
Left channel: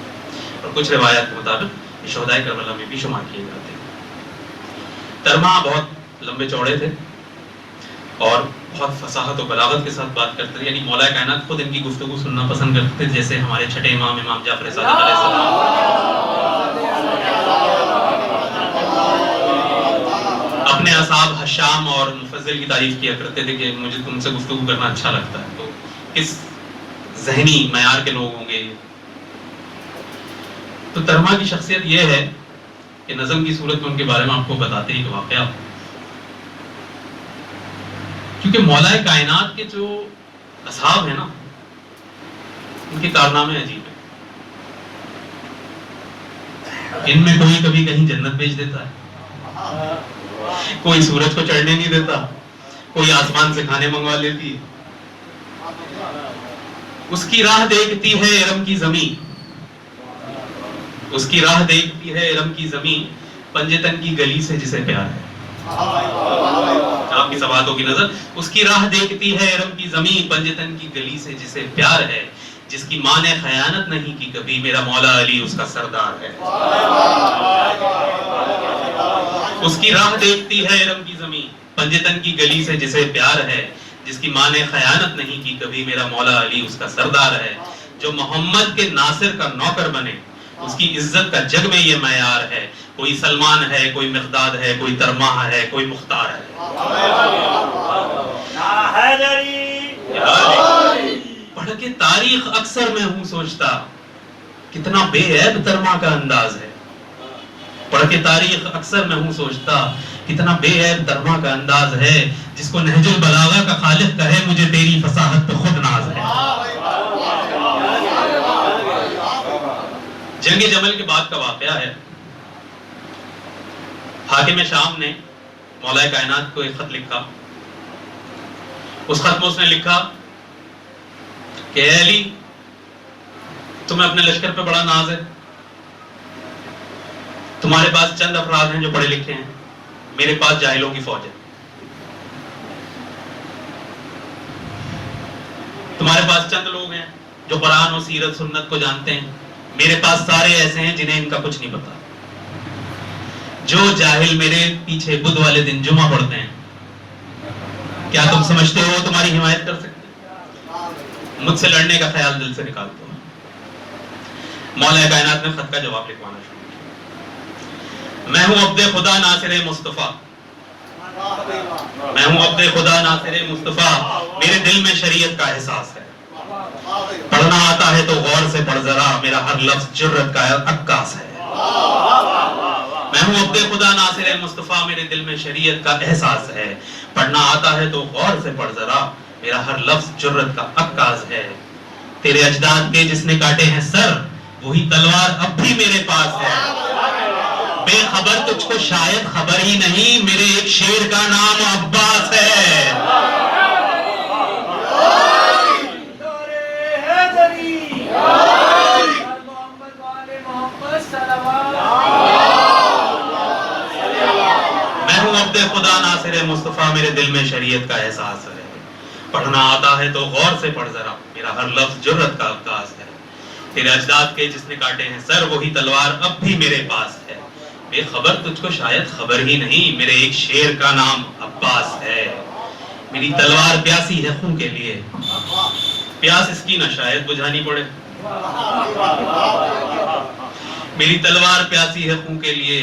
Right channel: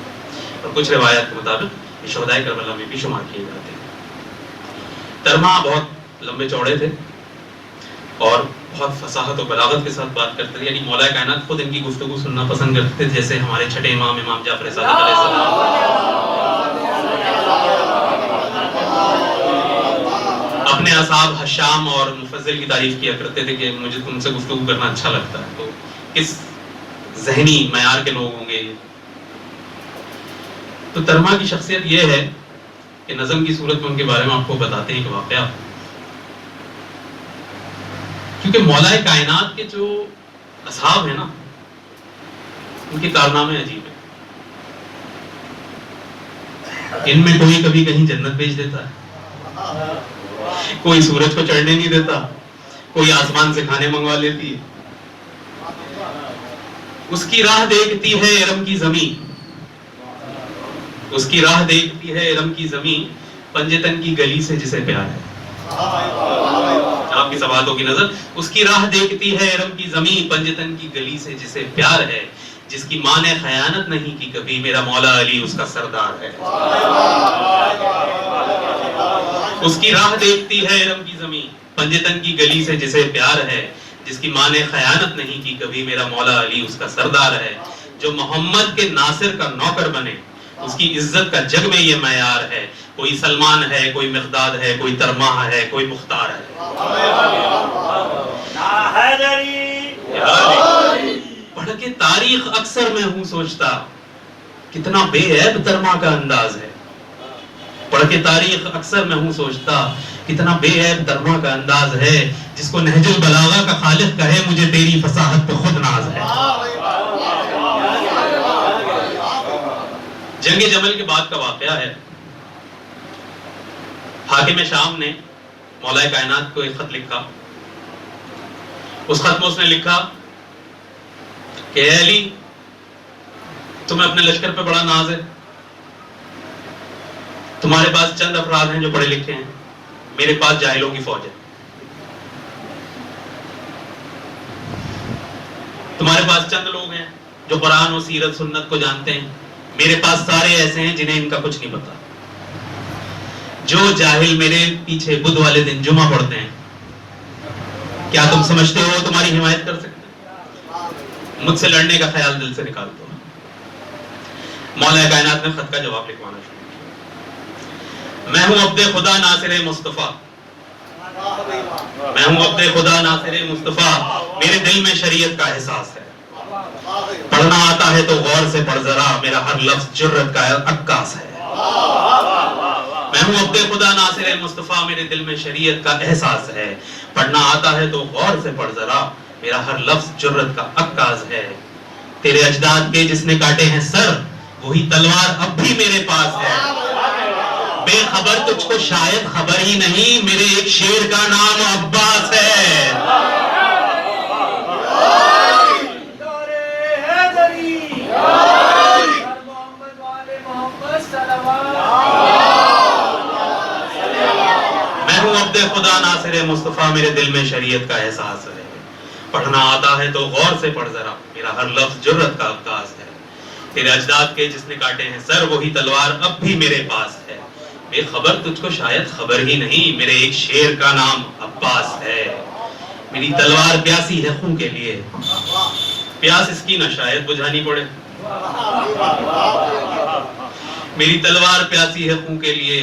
اور کچھ روایات کے مطابق یہ شہدائے کربلا میں بھی شمار کیے جاتے ہیں۔ ترمہ بہت لمبے چوڑے تھے اور بہت فصاحت و بلاغت کے ساتھ بات کرتے تھے، یعنی مولا کائنات خود ان کی گفتگو سننا پسند کرتے تھے، جیسے ہمارے چھٹے امام جعفر صادق علیہ السلام اپنے اصحاب حشام اور مفضل کی تعریف کیا کرتے تھے کہ مجھے تم سے گفتگو کرنا اچھا لگتا ہے۔ تو کس ذہنی معیار کے لوگ ہوں گے۔ تو ترمہ کی شخصیت یہ ہے کہ نظم کی صورت میں ان کے بارے میں آپ کو بتاتے ہیں ایک واقعہ، کیونکہ مولا کائنات کے جو اصحاب ہیں نا، ان کے کارنامے عجیب ہیں۔ ان میں کوئی کبھی کہیں جنت بھیج دیتا ہے، کوئی سورج کو چڑھنے نہیں دیتا، کوئی آسمان سے کھانے منگوا لیتی ہے، اس کی راہ دیکھتی ہے ارم کی زمین، اس کی راہ دیکھتی ہے ارم کی زمین، پنجتن کی گلی سے جسے پیار ہے۔ آپ کی سوالوں کی نظر، اس کی راہ دیکھتی ہے ارم کی زمین، پنجتن کی گلی سے جسے پیار ہے، جس کی ماں نے خیانت نہیں کی کبھی، میرا مولا علی اس کا سردار ہے۔ اس کی راہ دیکھتی ہے ارم کی زمین، پنجتن کی گلی سے جسے پیار ہے، جس کی ماں نے خیانت نہیں کی کبھی، میرا مولا علی اس کا سردار ہے۔ جو محمد کے ناصر کا نوکر بنے، اس کی عزت کا جگ میں یہ معیار ہے، کوئی سلمان ہے، کوئی مقداد ہے، کوئی ترمہ ہے، کوئی مختار ہے۔ پڑھ کے تاریخ اکثر میں ہوں سوچتا، کتنا بے عیب ترمہ کا انداز ہے۔ پڑھ کے تاریخ اکثر میں ہوں سوچتا، کتنا بے عیب ترمہ کا انداز ہے، جس کو نہج البلاغہ کا خالق کہے، مجھے تیری فصاحت پہ خود ناز ہے۔ جنگ جمل کے بعد کا واقعہ ہے، حاکم شام نے مولا کائنات کو ایک خط لکھا۔ اس خط میں اس نے لکھا کہ اے علی، تمہیں اپنے لشکر پہ بڑا ناز ہے، تمہارے پاس چند افراد ہیں جو پڑھے لکھے ہیں، میرے پاس جاہلوں کی فوج ہے۔ تمہارے پاس چند لوگ ہیں جو قرآن و سیرت سنت کو جانتے ہیں، میرے پاس سارے ایسے ہیں جنہیں ان کا کچھ نہیں پتا۔ جو جاہل میرے پیچھے بدھ والے دن جمعہ پڑھتے ہیں، کیا تم سمجھتے ہو تمہاری حمایت کر سکتے؟ مجھ سے لڑنے کا خیال دل سے نکال دو۔ مولا کائنات نے خط کا جواب لکھوانا شروع کیا۔ میں ہوں عبد خدا ناصر مصطفیٰ، میں ہوں عبد خدا ناصر مصطفیٰ، میرے دل میں شریعت کا احساس ہے، پڑھنا آتا ہے تو غور سے پڑھ ذرا، میرا ہر لفظ جرت کا عکاس ہے۔ میں ہوں عبد خدا ناصر مصطفیٰ، میرے دل میں شریعت کا احساس ہے، پڑھنا آتا ہے تو غور سے پڑھ ذرا، میرا ہر لفظ جرت کا عکاس ہے۔ تیرے اجداد کے جس نے کاٹے ہیں سر، وہی تلوار اب بھی میرے پاس ہے۔ بے خبر تجھ کو شاید خبر ہی نہیں، میرے ایک شیر کا نام عباس ہے۔ میں ہوں عبد خدا ناصر مصطفیٰ، میرے دل میں شریعت کا احساس ہے، پڑھنا آتا ہے تو غور سے پڑھ ذرا، میرا ہر لفظ جرت کا عکاس ہے، تیرے اجداد کے جس نے کاٹے ہیں سر وہی تلوار اب بھی میرے پاس ہے، بے خبر تجھ کو شاید خبر ہی نہیں، میرے ایک شیر کا نام عباس ہے، میری تلوار پیاسی ہے خون کے لیے، پیاس اس کی نہ شاید بجھانی پڑے، میری تلوار پیاسی ہے خون کے لیے،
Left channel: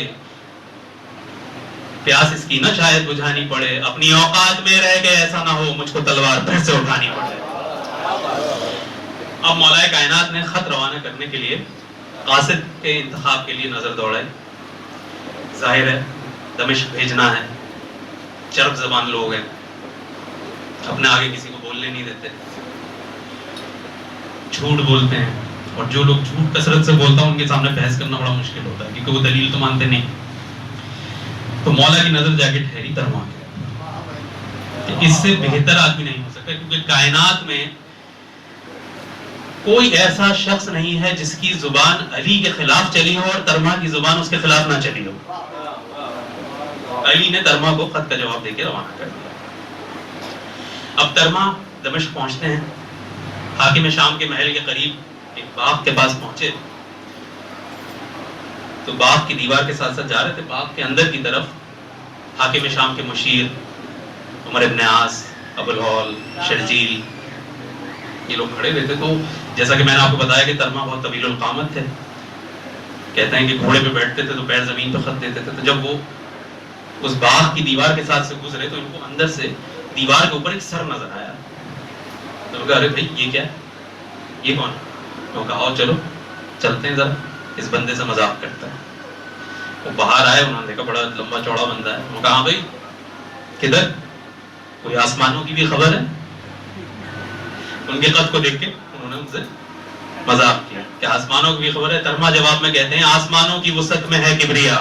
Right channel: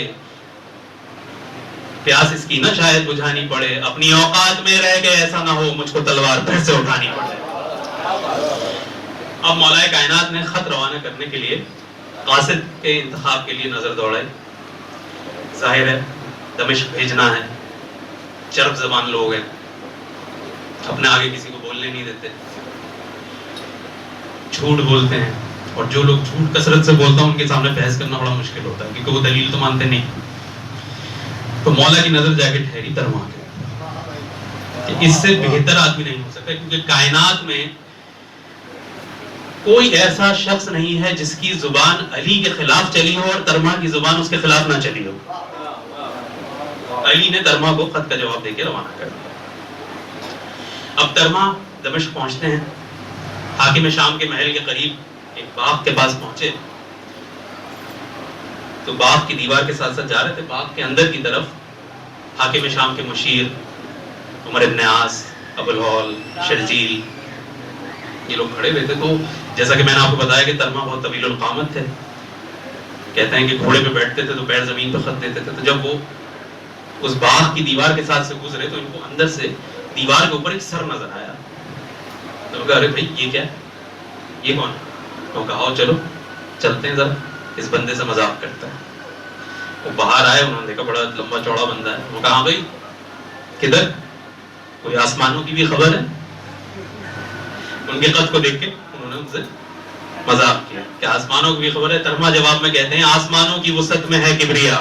پیاس اس کی نہ شاید بجھانی پڑے، اپنی اوقات میں رہ کے ایسا نہ ہو مجھ کو تلوار پھر سے اٹھانی پڑے۔ اب مولا کائنات نے خط روانہ کرنے کے لیے قاصد کے انتخاب کے لیے نظر دوڑائی، ظاہر ہے دمشق بھیجنا ہے، چرب زبان لوگ ہیں، اپنے آگے کسی کو بولنے نہیں دیتے، جھوٹ بولتے ہیں، اور جو لوگ جھوٹ کثرت سے بولتا ہیں ان کے سامنے بحث کرنا بڑا مشکل ہوتا ہے کیونکہ وہ دلیل تو مانتے نہیں۔ تو مولا کی نظر جا کے ٹھہری ترما کہ اس سے بہتر آدمی نہیں ہو سکتا، کیونکہ کائنات میں کوئی ایسا شخص نہیں ہے جس کی زبان علی کے خلاف چلی ہو اور ترما کی زبان اس کے خلاف نہ چلی ہو۔ علی نے ترما کو خط کا جواب دے کے روانہ کر دیا۔ اب ترما دمشق پہنچتے ہیں، حاکم شام کے محل کے قریب ایک باغ کے پاس پہنچے تو باغ کی دیوار کے ساتھ ساتھ جا رہے تھے، باغ کے اندر کی طرف حاکم شام کے مشیر عمر ابن عاص، ابو الہول، شرجیل یہ لوگ کھڑے ہوئے تھے۔ تو جیسا کہ میں نے آپ کو بتایا کہ ترما بہت طویل القامت تھے، کہتے ہیں کہ گھوڑے پہ بیٹھتے تھے تو پیر زمین پہ خط دیتے تھے، تو جب وہ اس باغ کی دیوار کے ساتھ سے گزرے تو ان کو اندر سے دیوار کے اوپر ایک سر نظر آیا، تو کہا ارے بھائی یہ کیا ہے، یہ کون ہے؟ تو کہا آؤ چلو چلتے ہیں ذرا اس بندے سے مذاق کرتا ہے۔ وہ باہر آئے، انہوں نے دیکھا بڑا لمبا چوڑا بندہ ہے، وہ کہا بھائی کدھر، کوئی آسمانوں کی بھی خبر ہے؟ ان کے قد کو دیکھ کے انہوں نے ان سے مذاق کیا کہ آسمانوں کی بھی خبر ہے؟ ترما جواب میں کہتے ہیں آسمانوں کی وسعت میں ہے کبریا،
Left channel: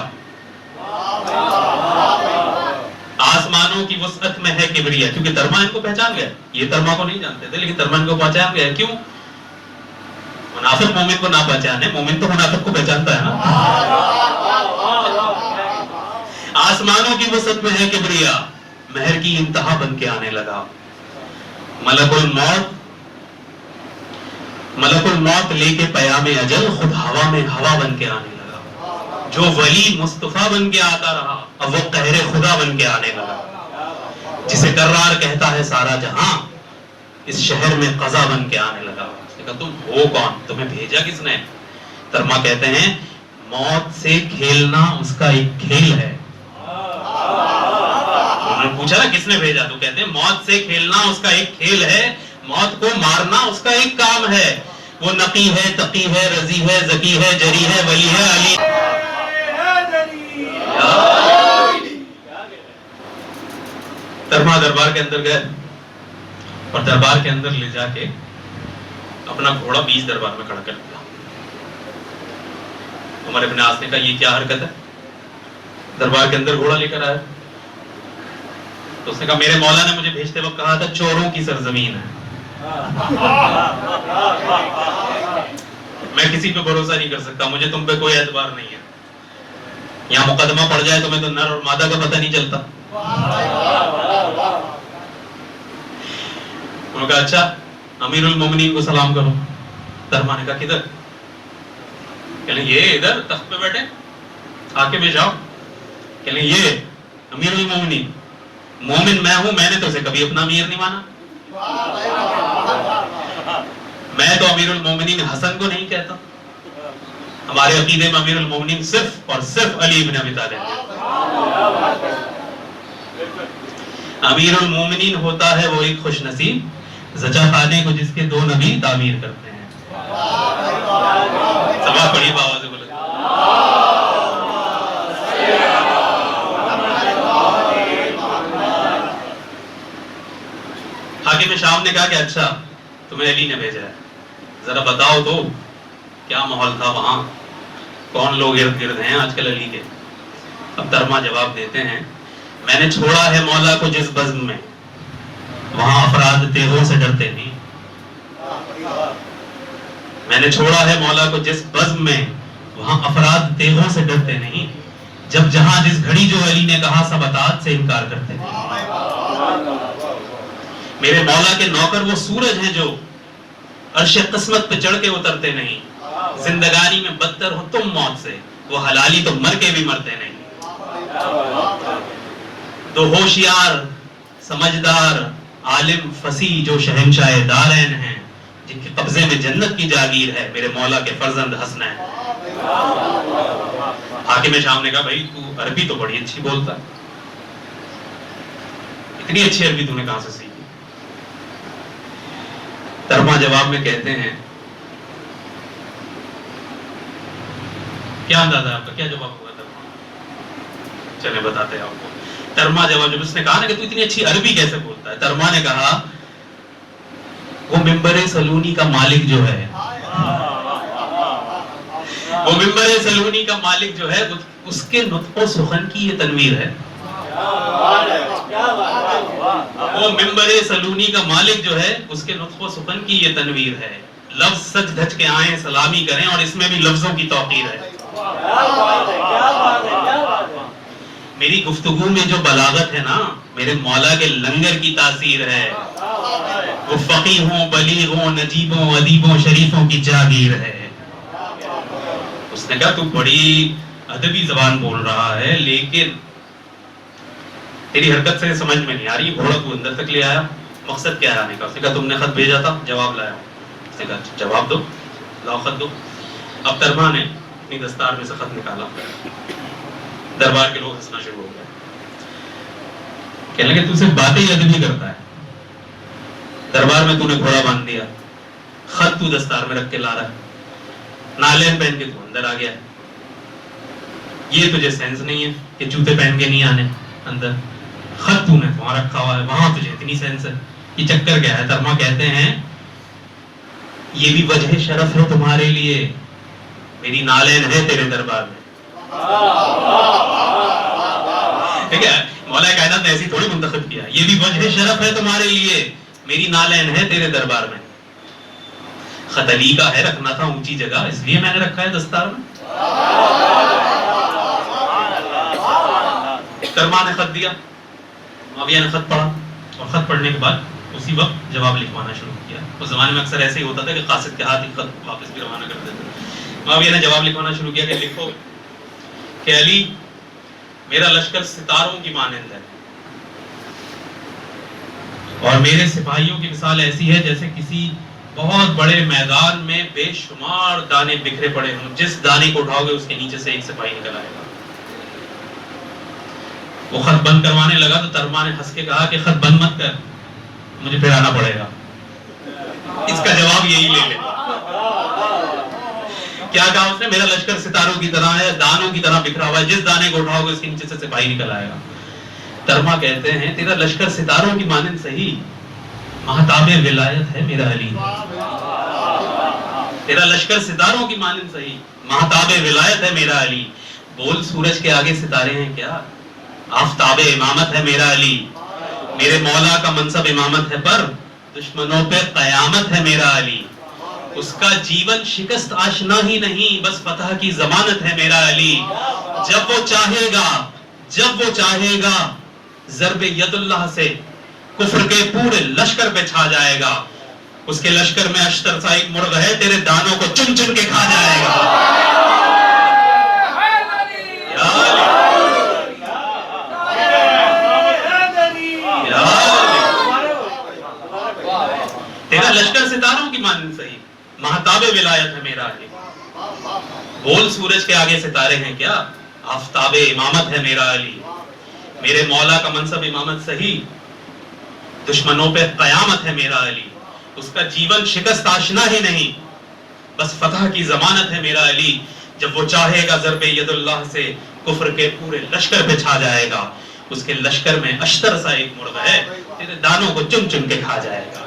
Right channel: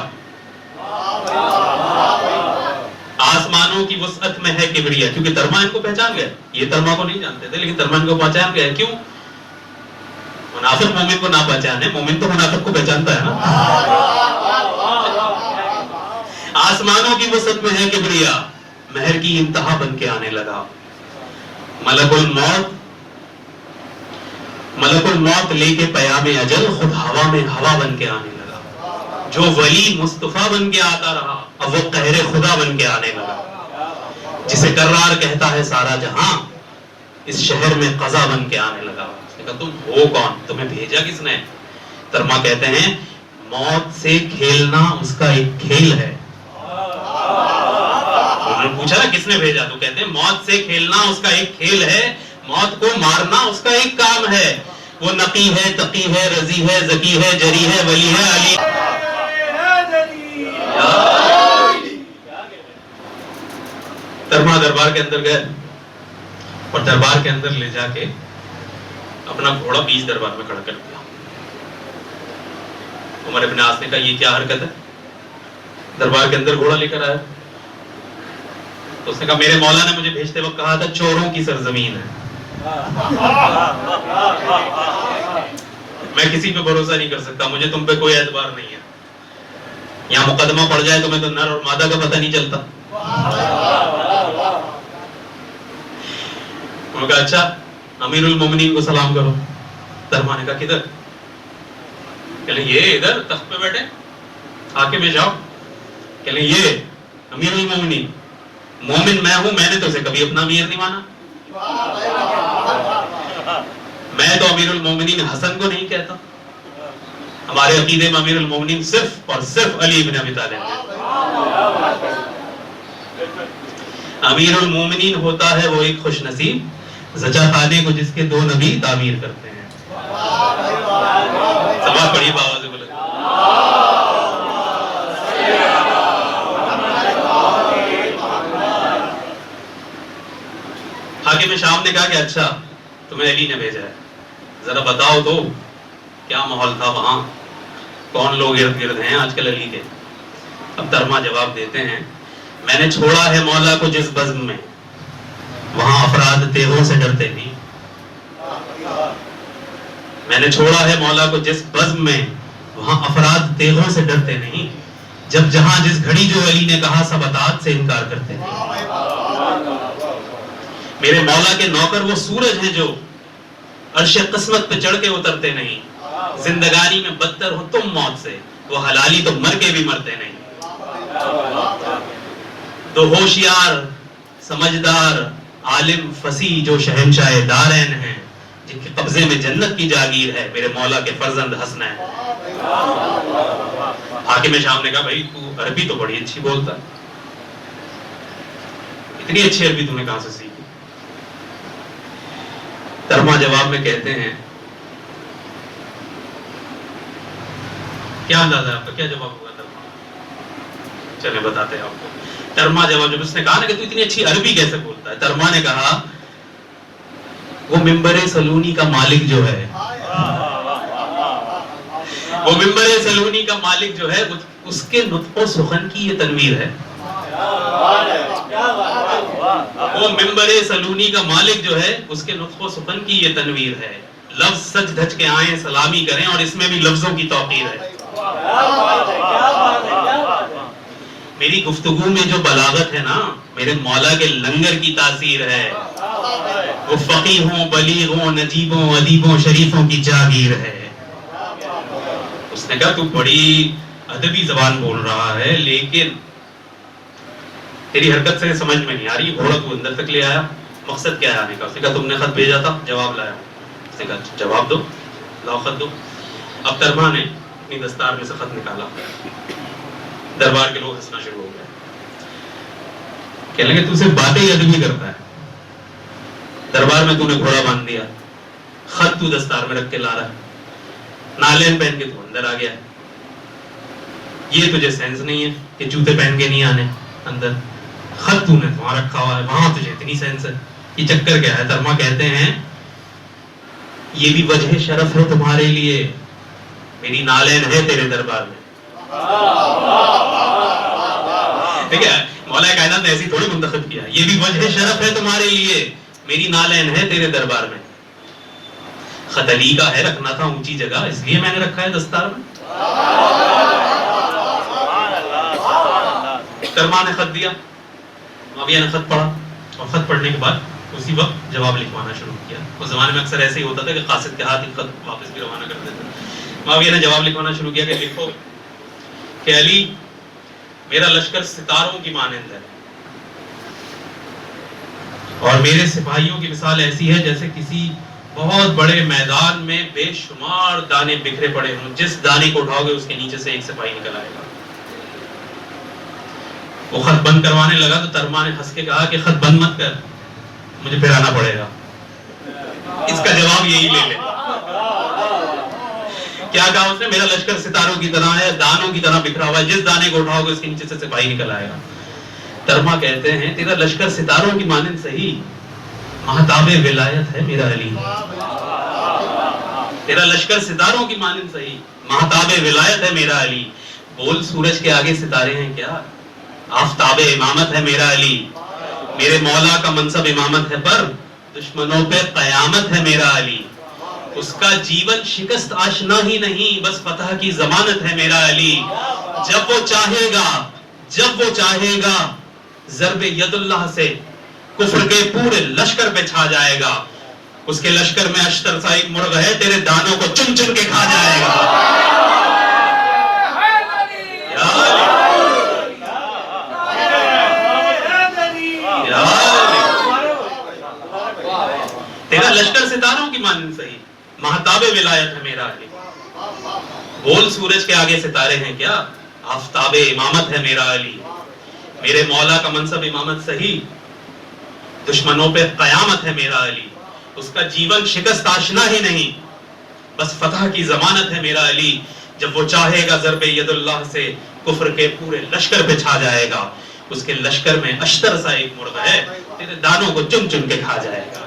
آسمانوں کی وسعت میں ہے کبریا، کیونکہ ترما ان کو پہچان گیا، یہ ترما کو نہیں جانتے تھے لیکن ترما ان کو پہچان گیا۔ کیوں؟ منافق مومن کو نہ پہچانے، مومن تو منافق کو پہچانتا ہے نا۔ آسمانوں کی وسعت میں ہے کبریا، مہر کی انتہا بن کے آنے لگا، ملک الموت لے کے پیام اجل خود ہوا میں ہوا بن کے آنے لگا، جو ولی مصطفیٰ بن کے آتا رہا اب وہ قہر خدا بن کے آنے لگا، جسے کرار کہتا ہے سارا جہاں اس شہر میں قضا بن کے آنے لگا۔ اس نے کہا تم ہو کون، تمہیں بھیجا کس نے؟ ترما کہتے ہیں موت سے کھیلنا اس کا ایک کھیل ہے۔ انہوں نے پوچھا کس نے بھیجا، تو کہتے ہیں موت سے کھیلنا اس کا ایک کھیل ہے، موت کو مارنا اس کا ایک کام ہے، وہ نقی ہے، تقی ہے، رضی ہے، ذکی ہے، جری ہے، ولی ہے، علی ترما دربار کے اندر گئے اور دربار کے اندر لے جا کے اپنا گھوڑا بیچ دربار میں کھڑا کر دیا۔ عمر ابن عاص نے کہا یہ کیا حرکت ہے، دربار کے اندر گھوڑا لے کر آیا؟ تو اس نے کہا میرے مولا نے مجھے بھیجتے وقت کہا تھا چوروں کی سرزمین ہے، میں کسی پہ بھروسہ نہیں کر سکتا، مجھے تم پہ کوئی اعتبار نہیں ہے، یہاں مقدمہ پڑ جائے تو میں تو نر اور مادہ کا پتہ نہیں چلتا۔ انہوں نے کہا اچھا امیر المومنین کو سلام کرو۔ ترما نے کہا کدھر؟ کہ یہ ادھر تخت پہ بیٹھے، آ کے میں جاؤ، کہ یہ امیر المومنین، مومن میں ہوں، میں نے تو اسے کبھی اپنا امیر نہیں مانا، میں تو امیر المومنین حسن کو نہیں کہتا، ہمارے عقیدے میں امیر المومنین صرف اور صرف علی بن ابی طالب ہے۔ امیر المومنین ہوتا ہے وہ ایک خوش نصیب زچہ خانے کو جس کے دو نبی تعمیر کرتے ہیں۔ سب بڑی آواز سے بولے حاکم شام نے کہا کہ اچھا تمہیں علی نے بھیجا ہے، ذرا بتاؤ تو کیا ماحول تھا وہاں، کون لوگ ارد گرد ہیں آج کل علی کے؟ اب ترما جواب دیتے ہیں میں نے چھوڑا ہے مولا کو جس بزم میں وہاں افراد تیغوں سے ڈرتے نہیں، میں نے چھوڑا ہے مولا کو جس بزم میں وہاں افراد تیغوں سے ڈرتے نہیں، جب جہاں جس گھڑی جو علی نے کہا سب اطاعت سے انکار کرتے ہیں، میرے مولا کے نوکر وہ سورج ہیں جو عرش قسمت پہ چڑھ کے اترتے نہیں. زندگانی میں بدتر ہو تم موت سے, وہ حلالی تو مر کے بھی مرتے نہیں. دو ہوشیار سمجھدار عالم فصیح جو شہنشاہ دارین ہیں, جن کے قبضے میں جنت کی جاگیر ہے, میرے مولا کے فرزند حسنین. حاکم شام نے کہا بھائی تو عربی تو بڑی اچھی بولتا ہے, اتنی اچھی عربی تو نے کہاں سے سیکھی؟ ترما جواب میں کہتے ہیں, کیا اندازہ ہے آپ کا, کیا جواب ہوا ترما؟ چلے بتاتے ہیں آپ کو. ترما جواب, جب اس نے کہا نا کہ تو اتنی اچھی عربی کیسے بولتا ہے, ترما نے کہا وہ منبر سلونی کا مالک جو ہے, وہ منبر سلونی کا مالک جو ہے, اس کے نطق و سخن کی یہ تنویر ہے. وہ منبر سلونی کا مالک جو ہے, اس کے نطق و سخن کی یہ تنویر ہے. لفظ سچ دھج کے آئیں سلامی کریں, اور اس میں بھی لفظوں کی توقیر ہے. میری گفتگو میں جو بلاغت ہے نا, میرے مولا کے لنگر کی تاثیر ہے. وہ فقیہوں بلیغوں نجیبوں ادیبوں شریفوں کی جاگیر ہے. اس نے کہا تو بڑی ادبی زبان بول رہا ہے, لیکن تیری حرکت سے سمجھ میں نہیں آ رہی. گھوڑا تو اندر تک لے آیا, مقصد کیا ہے آنے کا؟ اس نے کہا تم نے خط بھیجا تھا, جواب لایا. اس نے کہا جواب دو, لاؤ خط دو. اب ترما نے اپنی دستار میں سے خط نکالا. دربار کے لوگ ہنسنا شروع ہو گئے, کہنے لگے تو صرف باتیں ہی ادبی کرتا ہے, دربار میں تو نے گھوڑا باندھ دیا, خط تو دستار میں رکھ کے لا رہا ہے, نالین پہن کے تو اندر آ گیا. یہ تجھے سینس نہیں ہے کہ جوتے پہن کے نہیں آنے اندر, خط تو نے وہاں رکھا ہوا ہے, وہاں تجھے اتنی سینس ہے. یہ چکر کیا ہے؟ ترما کہتے ہیں یہ بھی وجہ شرف ہے تمہارے لیے, میری نالین ہے تیرے دربار میں. ٹھیک ہے, مولا کائنات نے ایسی تھوڑی منتخب کیا, یہ بھی وجہ شرف ہے تمہارے لیے, میری نالین ہے تیرے دربار میں. خط علی کا ہے, رکھنا تھا اونچی جگہ, اس لیے میں نے رکھا ہے دستار میں. ترما نے خط دیا, معاویہ نے خط پڑھا, اور خط پڑھنے کے بعد اسی وقت جواب لکھوانا شروع کیا. اس زمانے میں اکثر ایسے ہی ہوتا تھا کہ قاصد کے ہاتھ خط واپس بھی روانہ کرتے تھے. معاویہ نے جواب لکھوانا شروع کیا کہ لکھو کہ علی میرا لشکر ستاروں کی مانند ہے, اور میرے سپاہیوں کی مثال ایسی ہے جیسے کسی بہت بڑے میدان میں بے شمار دانے بکھرے پڑے ہوں, جس دانے کو اٹھاؤ گے اس کے نیچے سے ایک سپاہی نکل آئے گا. وہ خط بند کروانے لگا تو ترما نے ہنس کے کہا کہ خط بند مت کر, مجھے پھر آنا پڑے گا. اس کا جواب یہی لے لے. کیا کہا اس نے؟ میرا لشکر ستاروں کی طرح ہے, دانوں کی طرح بکھرا ہوا ہے, جس دانے کو اٹھاؤ گے اس کے نیچے سے سپاہی نکل آئے گا. ترما کہتے ہیں تیرا لشکر ستاروں کی مانند صحیح, مہتاب ولایت ہے میرا علی. تیرا لشکر ستاروں کی مانند صحیح, مہتاب ولایت ہے میرا علی. بول سورج کے آگے ستارے ہیں کیا, آفتاب امامت ہے میرا علی. میرے مولا کا منصب امامت ہے, پر دشمنوں پہ قیامت ہے میرا علی. اس کا جیون شکست آشنا ہی نہیں, بس فتح کی ضمانت ہے میرا علی. جب وہ چاہے گا ضرب ید اللہ سے کفر کے پورے لشکر پہ چھا جائے گا. اس کے لشکر میں اشتر سا ایک مرغ ہے, تیرے دانوں کو چن چن کے کھا جائے گا. تیرا لشکر ستاروں کی مانند صحیح, مہتاب ولایت ہے میرا علی. بول سورج کے آگے ستارے ہیں کیا, آفتاب امامت ہے میرا علی. میرے مولا کا منصب امامت صحیح, دشمنوں پہ قیامت ہے میرا علی. اس کا جیون شکست آشنا ہی نہیں, بس فتح کی ضمانت ہے میرا علی. جب وہ چاہے گا ضرب ید اللہ سے کفر کے پورے لشکر پہ چھا جائے گا. اس کے لشکر میں اشتر سا ایک مرغ ہے, تیرے دانوں کو چن چن کے کھا جائے گا.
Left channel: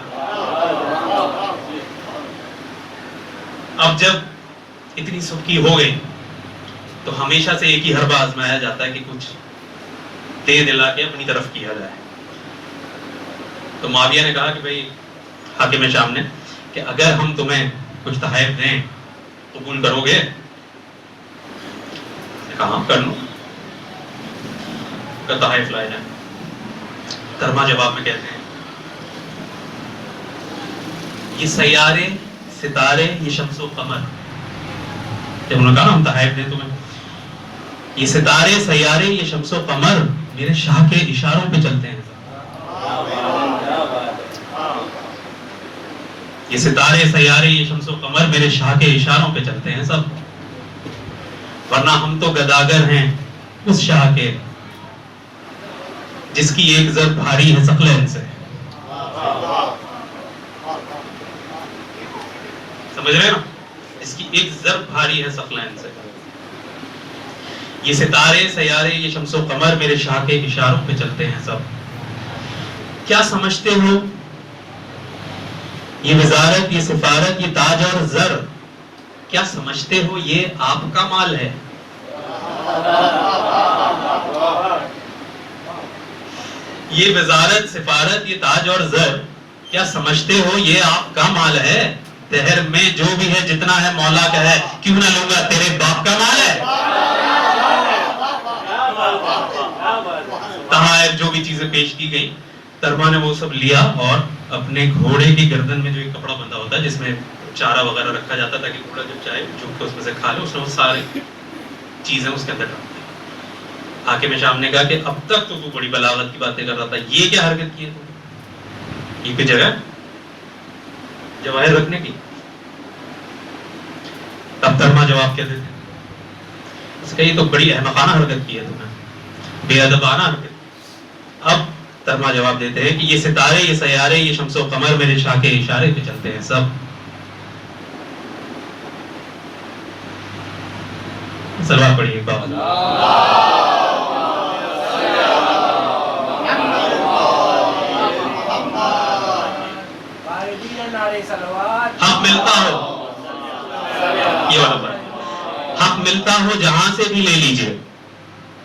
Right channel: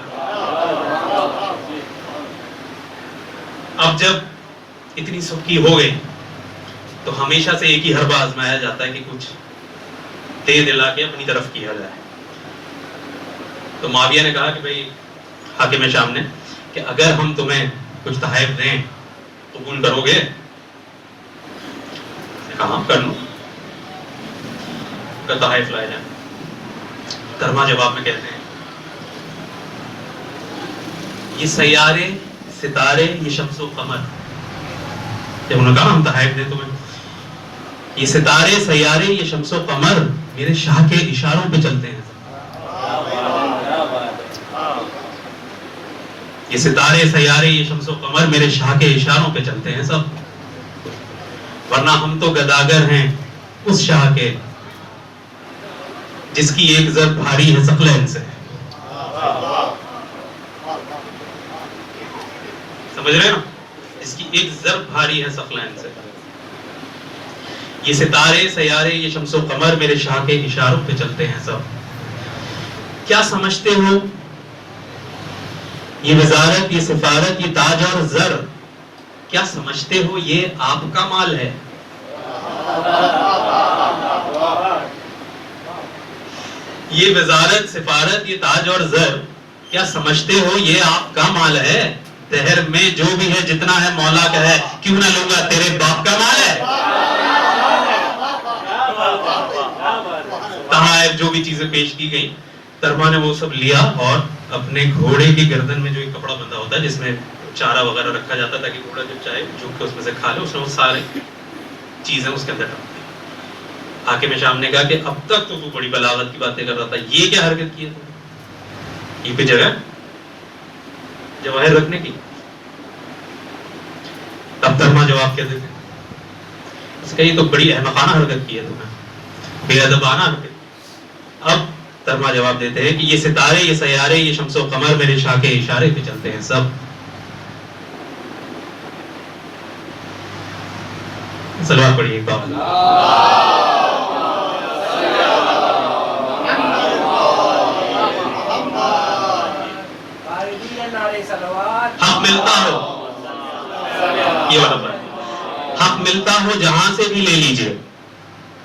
اب جب اتنی سبکی ہو گئی تو ہمیشہ سے ایک ہی حربہ آزمایا جاتا ہے کہ کچھ دے دلا کے اپنی طرف کیا جائے. تو معاویہ نے کہا کہ بھئی حاکم شام نے کہ اگر ہم تمہیں کچھ تحائف دیں قبول کرو گے؟ کہا کر لوں, اگر تحائف لائے جائیں. ترما جواب میں کہتے ہیں یہ سیارے، ستارے، یہ شمس و قمر، جب انہوں نے کہا نا ہم تحائف دیں تمہیں، یہ ستارے، سیارے، یہ شمس و قمر میرے شاہ کے اشاروں پہ چلتے ہیں. یہ ستارے، سیارے، یہ شمس و قمر میرے شاہ کے اشاروں پہ چلتے ہیں سب، ورنہ ہم تو گداگر ہیں اس شاہ کے جس کی ایک زر بھاری ہے ثقلین سے. سمجھ رہے نا؟ اس کی ایک زر بھاری ہے ثقلین سے. یہ ستارے، سیارے، یہ شمس و قمر میرے شاہ کے اشاروں پہ چلتے ہیں سب. کیا سمجھتے ہو یہ وزارت، یہ سفارت، یہ تاج اور زر، کیا سمجھتے ہو یہ آپ کا مال ہے؟ یہ وزارت، سفارت، یہ تاج اور زر، کیا سمجھتے ہو یہ آپ کا مال ہے؟ دہر میں جو بھی ہے جتنا ہے مولا کا ہے، کیوں نہ لوں گا تیرے باپ کا مال ہے؟ تحائف جو بھی چیزیں پیش کی گئی، ترما نے وہ سب لیا اور اپنے گھوڑے کی گردن میں جو ایک کپڑا بندھا ہوتا ہے جس میں چارہ وغیرہ رکھا جاتا ہے تاکہ گھوڑا جب چاہے جھک کے اس میں سے کھا لے، اس نے وہ سارے چیزیں اس کے اندر ڈال دی. حاکم شام نے کہا کہ اب تک تو وہ بڑی بلاغت کی باتیں کر رہا تھا، یہ کیا حرکت کی ہے؟ یہ کوئی جگہ جواہر رکھنے کی؟ تب ترما جواب کیا دیتے؟ اس کا یہ تو بڑی احمقانہ حرکت کی ہے تم نے، بے ادبانہ حرکت. اب ترما جواب دیتے ہیں کہ یہ ستارے، یہ سیارے، یہ شمس و قمر میرے شاہ کے اشارے پہ چلتے ہیں سب. سلوات پڑھیے ایک بار. حق ملتا ہو، یہ حق ملتا ہو جہاں سے بھی لے لیجئے.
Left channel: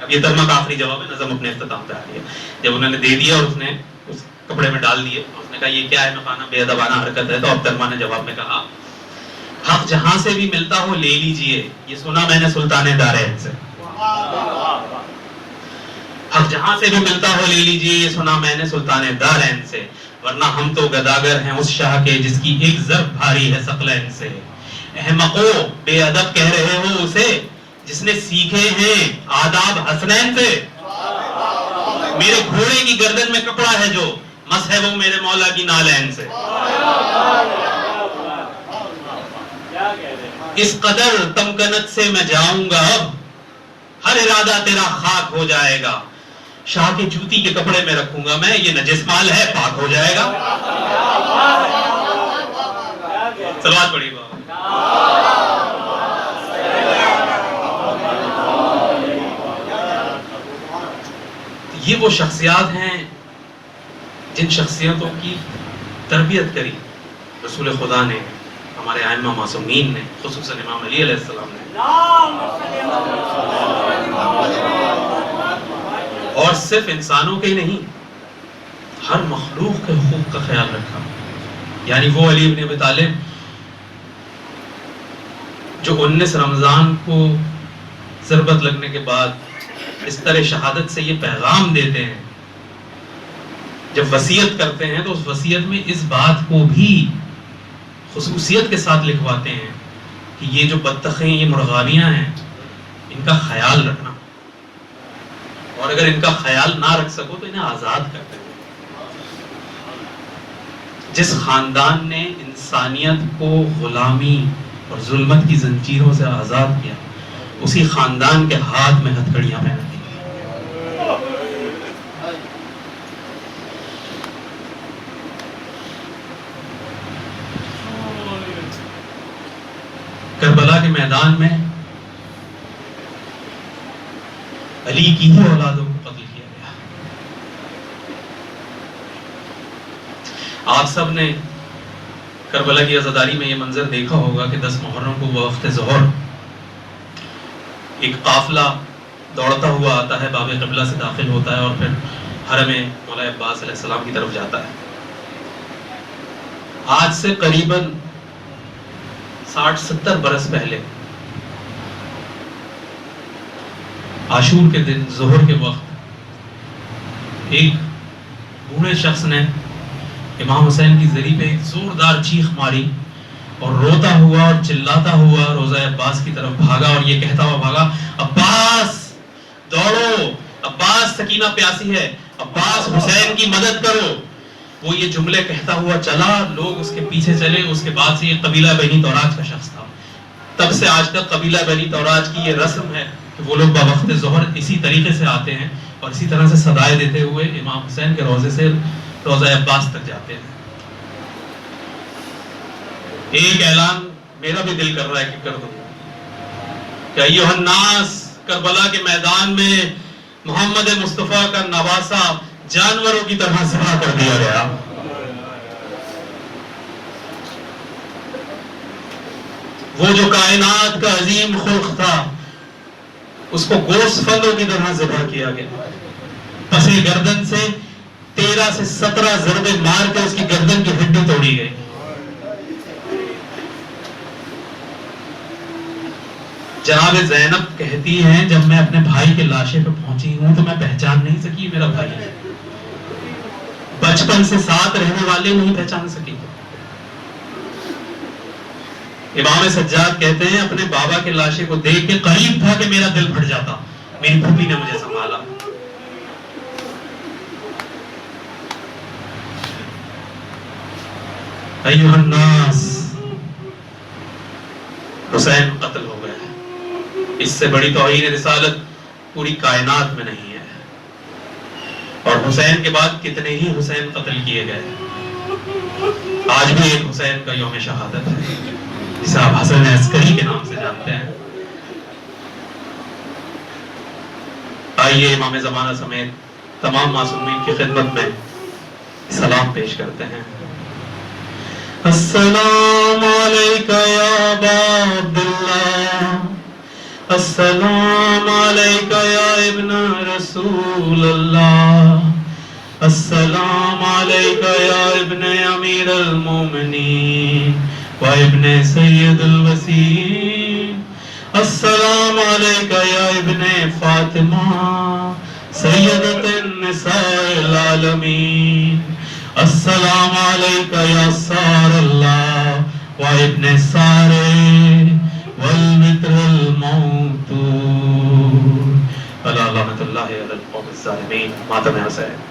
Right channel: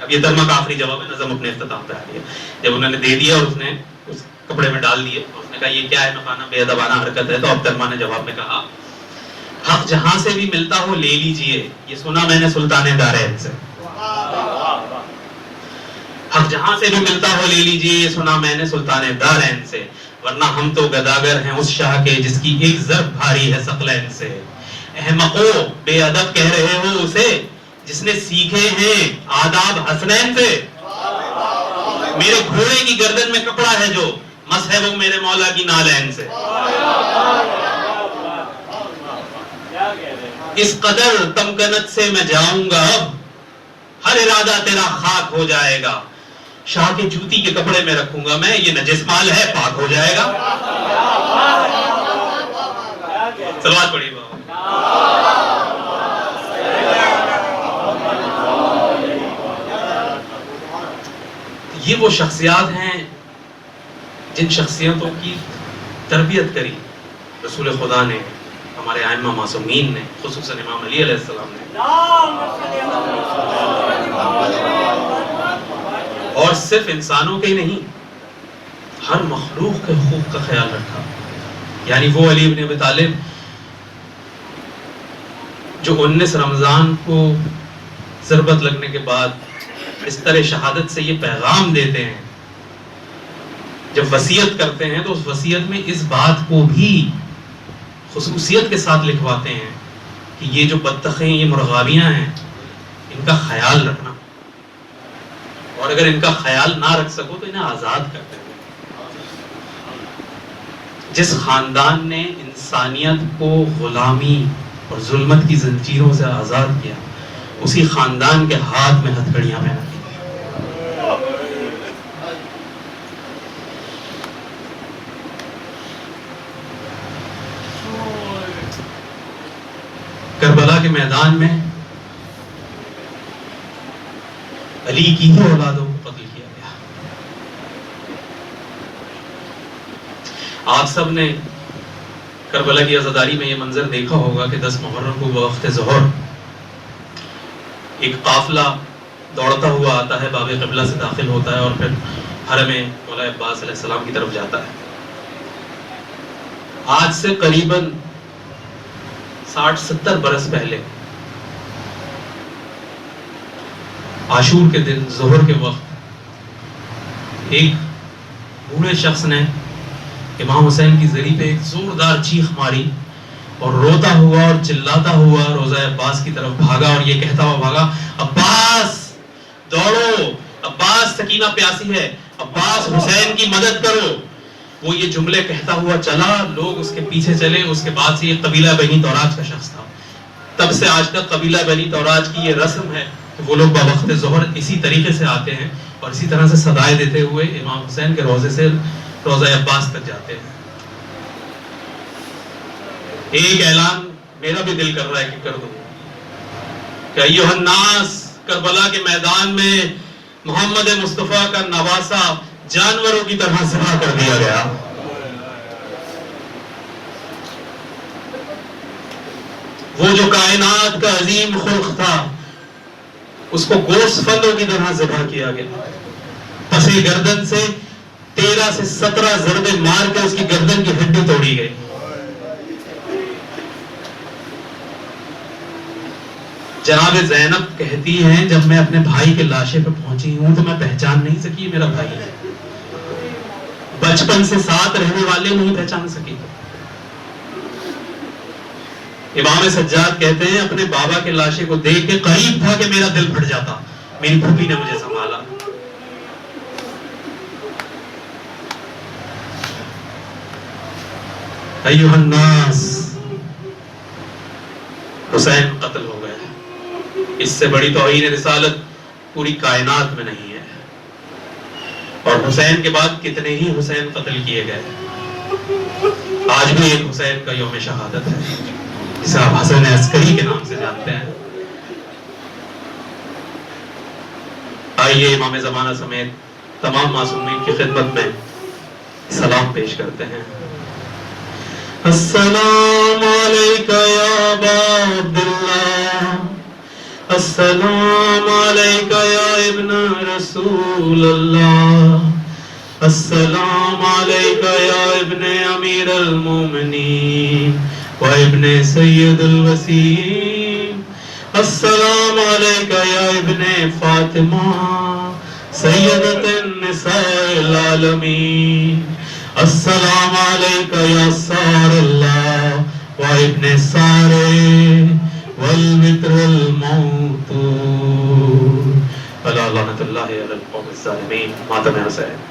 اب یہ ترما کا آخری جواب ہے، نظم اپنے اختتام پہ آ گیا. جب انہوں نے دے دیا اور اس نے اس کپڑے میں ڈال دیے، اس نے کہا یہ کیا ہے مفانہ بے ادبانہ حرکت ہے، تو اب ترما نے جواب میں کہا حق جہاں سے بھی ملتا ہو لے لیجئے، یہ سنا میں نے سلطان دارین سے. حق جہاں سے بھی ملتا ہو لے لیجئے، یہ سنا میں نے سلطان دارین سے، ورنہ ہم تو گداگر ہیں اس شاہ کے جس کی ایک ضرب بھاری ہے ثقلین سے. احمقو، بے ادب کہہ رہے ہو اسے جس نے سیکھے ہیں آداب حسنین سے. میرے گھوڑے کی گردن میں کپڑا ہے جو مس ہے وہ میرے مولا کی نالین سے. اس قدر تمکنت سے میں جاؤں گا اب، ہر ارادہ تیرا خاک ہو جائے گا. شاہ کے جوتی کے کپڑے میں رکھوں گا میں، یہ نجس مال ہے پاک ہو جائے گا. صلوات پڑھی بابا. یہ وہ شخصیات ہیں جن شخصیتوں کی تربیت کری رسول خدا نے، ہمارے ائمہ معصومین نے، خصوصاً امام علی علیہ السلام نے. اور صرف انسانوں کے ہی نہیں، ہر مخلوق کے حقوق کا خیال رکھا. یعنی وہ علی بن ابی طالب جو 19 رمضان کو ضربت لگنے کے بعد بستر شہادت سے یہ پیغام دیتے ہیں، جب وصیت کرتے ہیں تو اس وصیت میں اس بات کو بھی خصوصیت کے ساتھ لکھواتے ہیں کہ یہ جو بطخیں، یہ مرغابیاں ہیں، ان کا خیال رکھنا، اور اگر ان کا خیال نہ رکھ سکو تو انہیں آزاد کر دیں. جس خاندان نے انسانیت کو غلامی اور ظلمت کی زنجیروں سے آزاد کیا، اسی خاندان کے ہاتھ میں ہتھکڑیاں پہنا دی. کربلا کے میدان میں علی کی ہی اولادوں کو قتل کیا گیا. آپ سب نے کربلا کی عزاداری میں یہ منظر دیکھا ہوگا کہ 10 محرم کو بوقت ظہر ایک قافلہ دوڑتا ہوا آتا ہے، باب قبلہ سے داخل ہوتا ہے اور پھر حرم مولا عباس علیہ السلام کی طرف جاتا ہے. آج سے قریباً 60-70 برس پہلے عاشور کے دن ظہر کے وقت ایک بوڑھے شخص نے امام حسین کی زری پہ ایک زوردار چیخ ماری اور روتا ہوا اور چلاتا ہوا روضہ عباس کی طرف بھاگا اور یہ کہتا ہوا بھاگا، عباس دوڑو، عباس سکینہ پیاسی ہے، عباس حسین کی مدد کرو۔ وہ یہ جملے کہتا ہوا چلا، لوگ اس کے پیچھے چلے۔ اس کے بعد سے یہ قبیلہ بنی توراج کا شخص تھا۔ تب سے آج تک قبیلہ بنی توراج کی یہ رسم ہے کہ وہ لوگ بوقت ظہر اسی طریقے سے آتے ہیں اور اسی طرح سے صدائے دیتے ہوئے امام حسین کے روضے سے روضہ عباس تک جاتے ہیں۔ ایک اعلان میرا بھی دل کر رہا ہے کہ کر دوں کہ ایھا الناس، کربلا کے میدان میں محمد مصطفیٰ کا نواسہ جانوروں کی طرح ذبح کر دیا گیا۔ وہ جو کائنات کا عظیم خلق تھا اس کو گوشت فندوں کی طرح ذبح کیا گیا۔ پسے گردن سے 13 سے 17 ضربے مار کے اس کی گردن کی ہڈی توڑی گئی۔ جناب زینب کہتی ہیں جب میں اپنے بھائی کے لاشے پہ پہنچی ہوں تو میں پہچان نہیں سکی میرا بھائی ہے۔ بچپن سے ساتھ رہنے والے نہیں پہچان سکی۔ امام سجاد کہتے ہیں اپنے بابا کے لاشے کو دیکھ کے قریب تھا کہ میرا دل پھٹ جاتا، میری پھوپھی نے مجھے سنبھالا۔ ایھا الناس، حسین قتل ہو گئے۔ اس سے بڑی توہین رسالت پوری کائنات میں نہیں ہے۔ اور حسین کے بعد کتنے ہی حسین قتل کیے گئے۔ آج بھی ایک حسین کا یوم شہادت ہے جسے آپ حسن عسکری کے نام سے جانتے ہیں۔ آئیے امام زمانہ سمیت تمام معصومین کی خدمت میں سلام پیش کرتے ہیں۔ السلام علیکہ یا ابا عبداللہ، السلام علیکہ یا ابن رسول اللہ، السلام علیکہ یا ابن امیر المومنین و ابن سید الوسیم، السلام علیکہ یا ابن فاطمہ سیدۃ النساء العالمین، السلام علیکہ یا سار اللہ و ابن سارے والوتر الموت، علی لعنۃ اللہ علی القوم الظالمین۔ ماتم حسین۔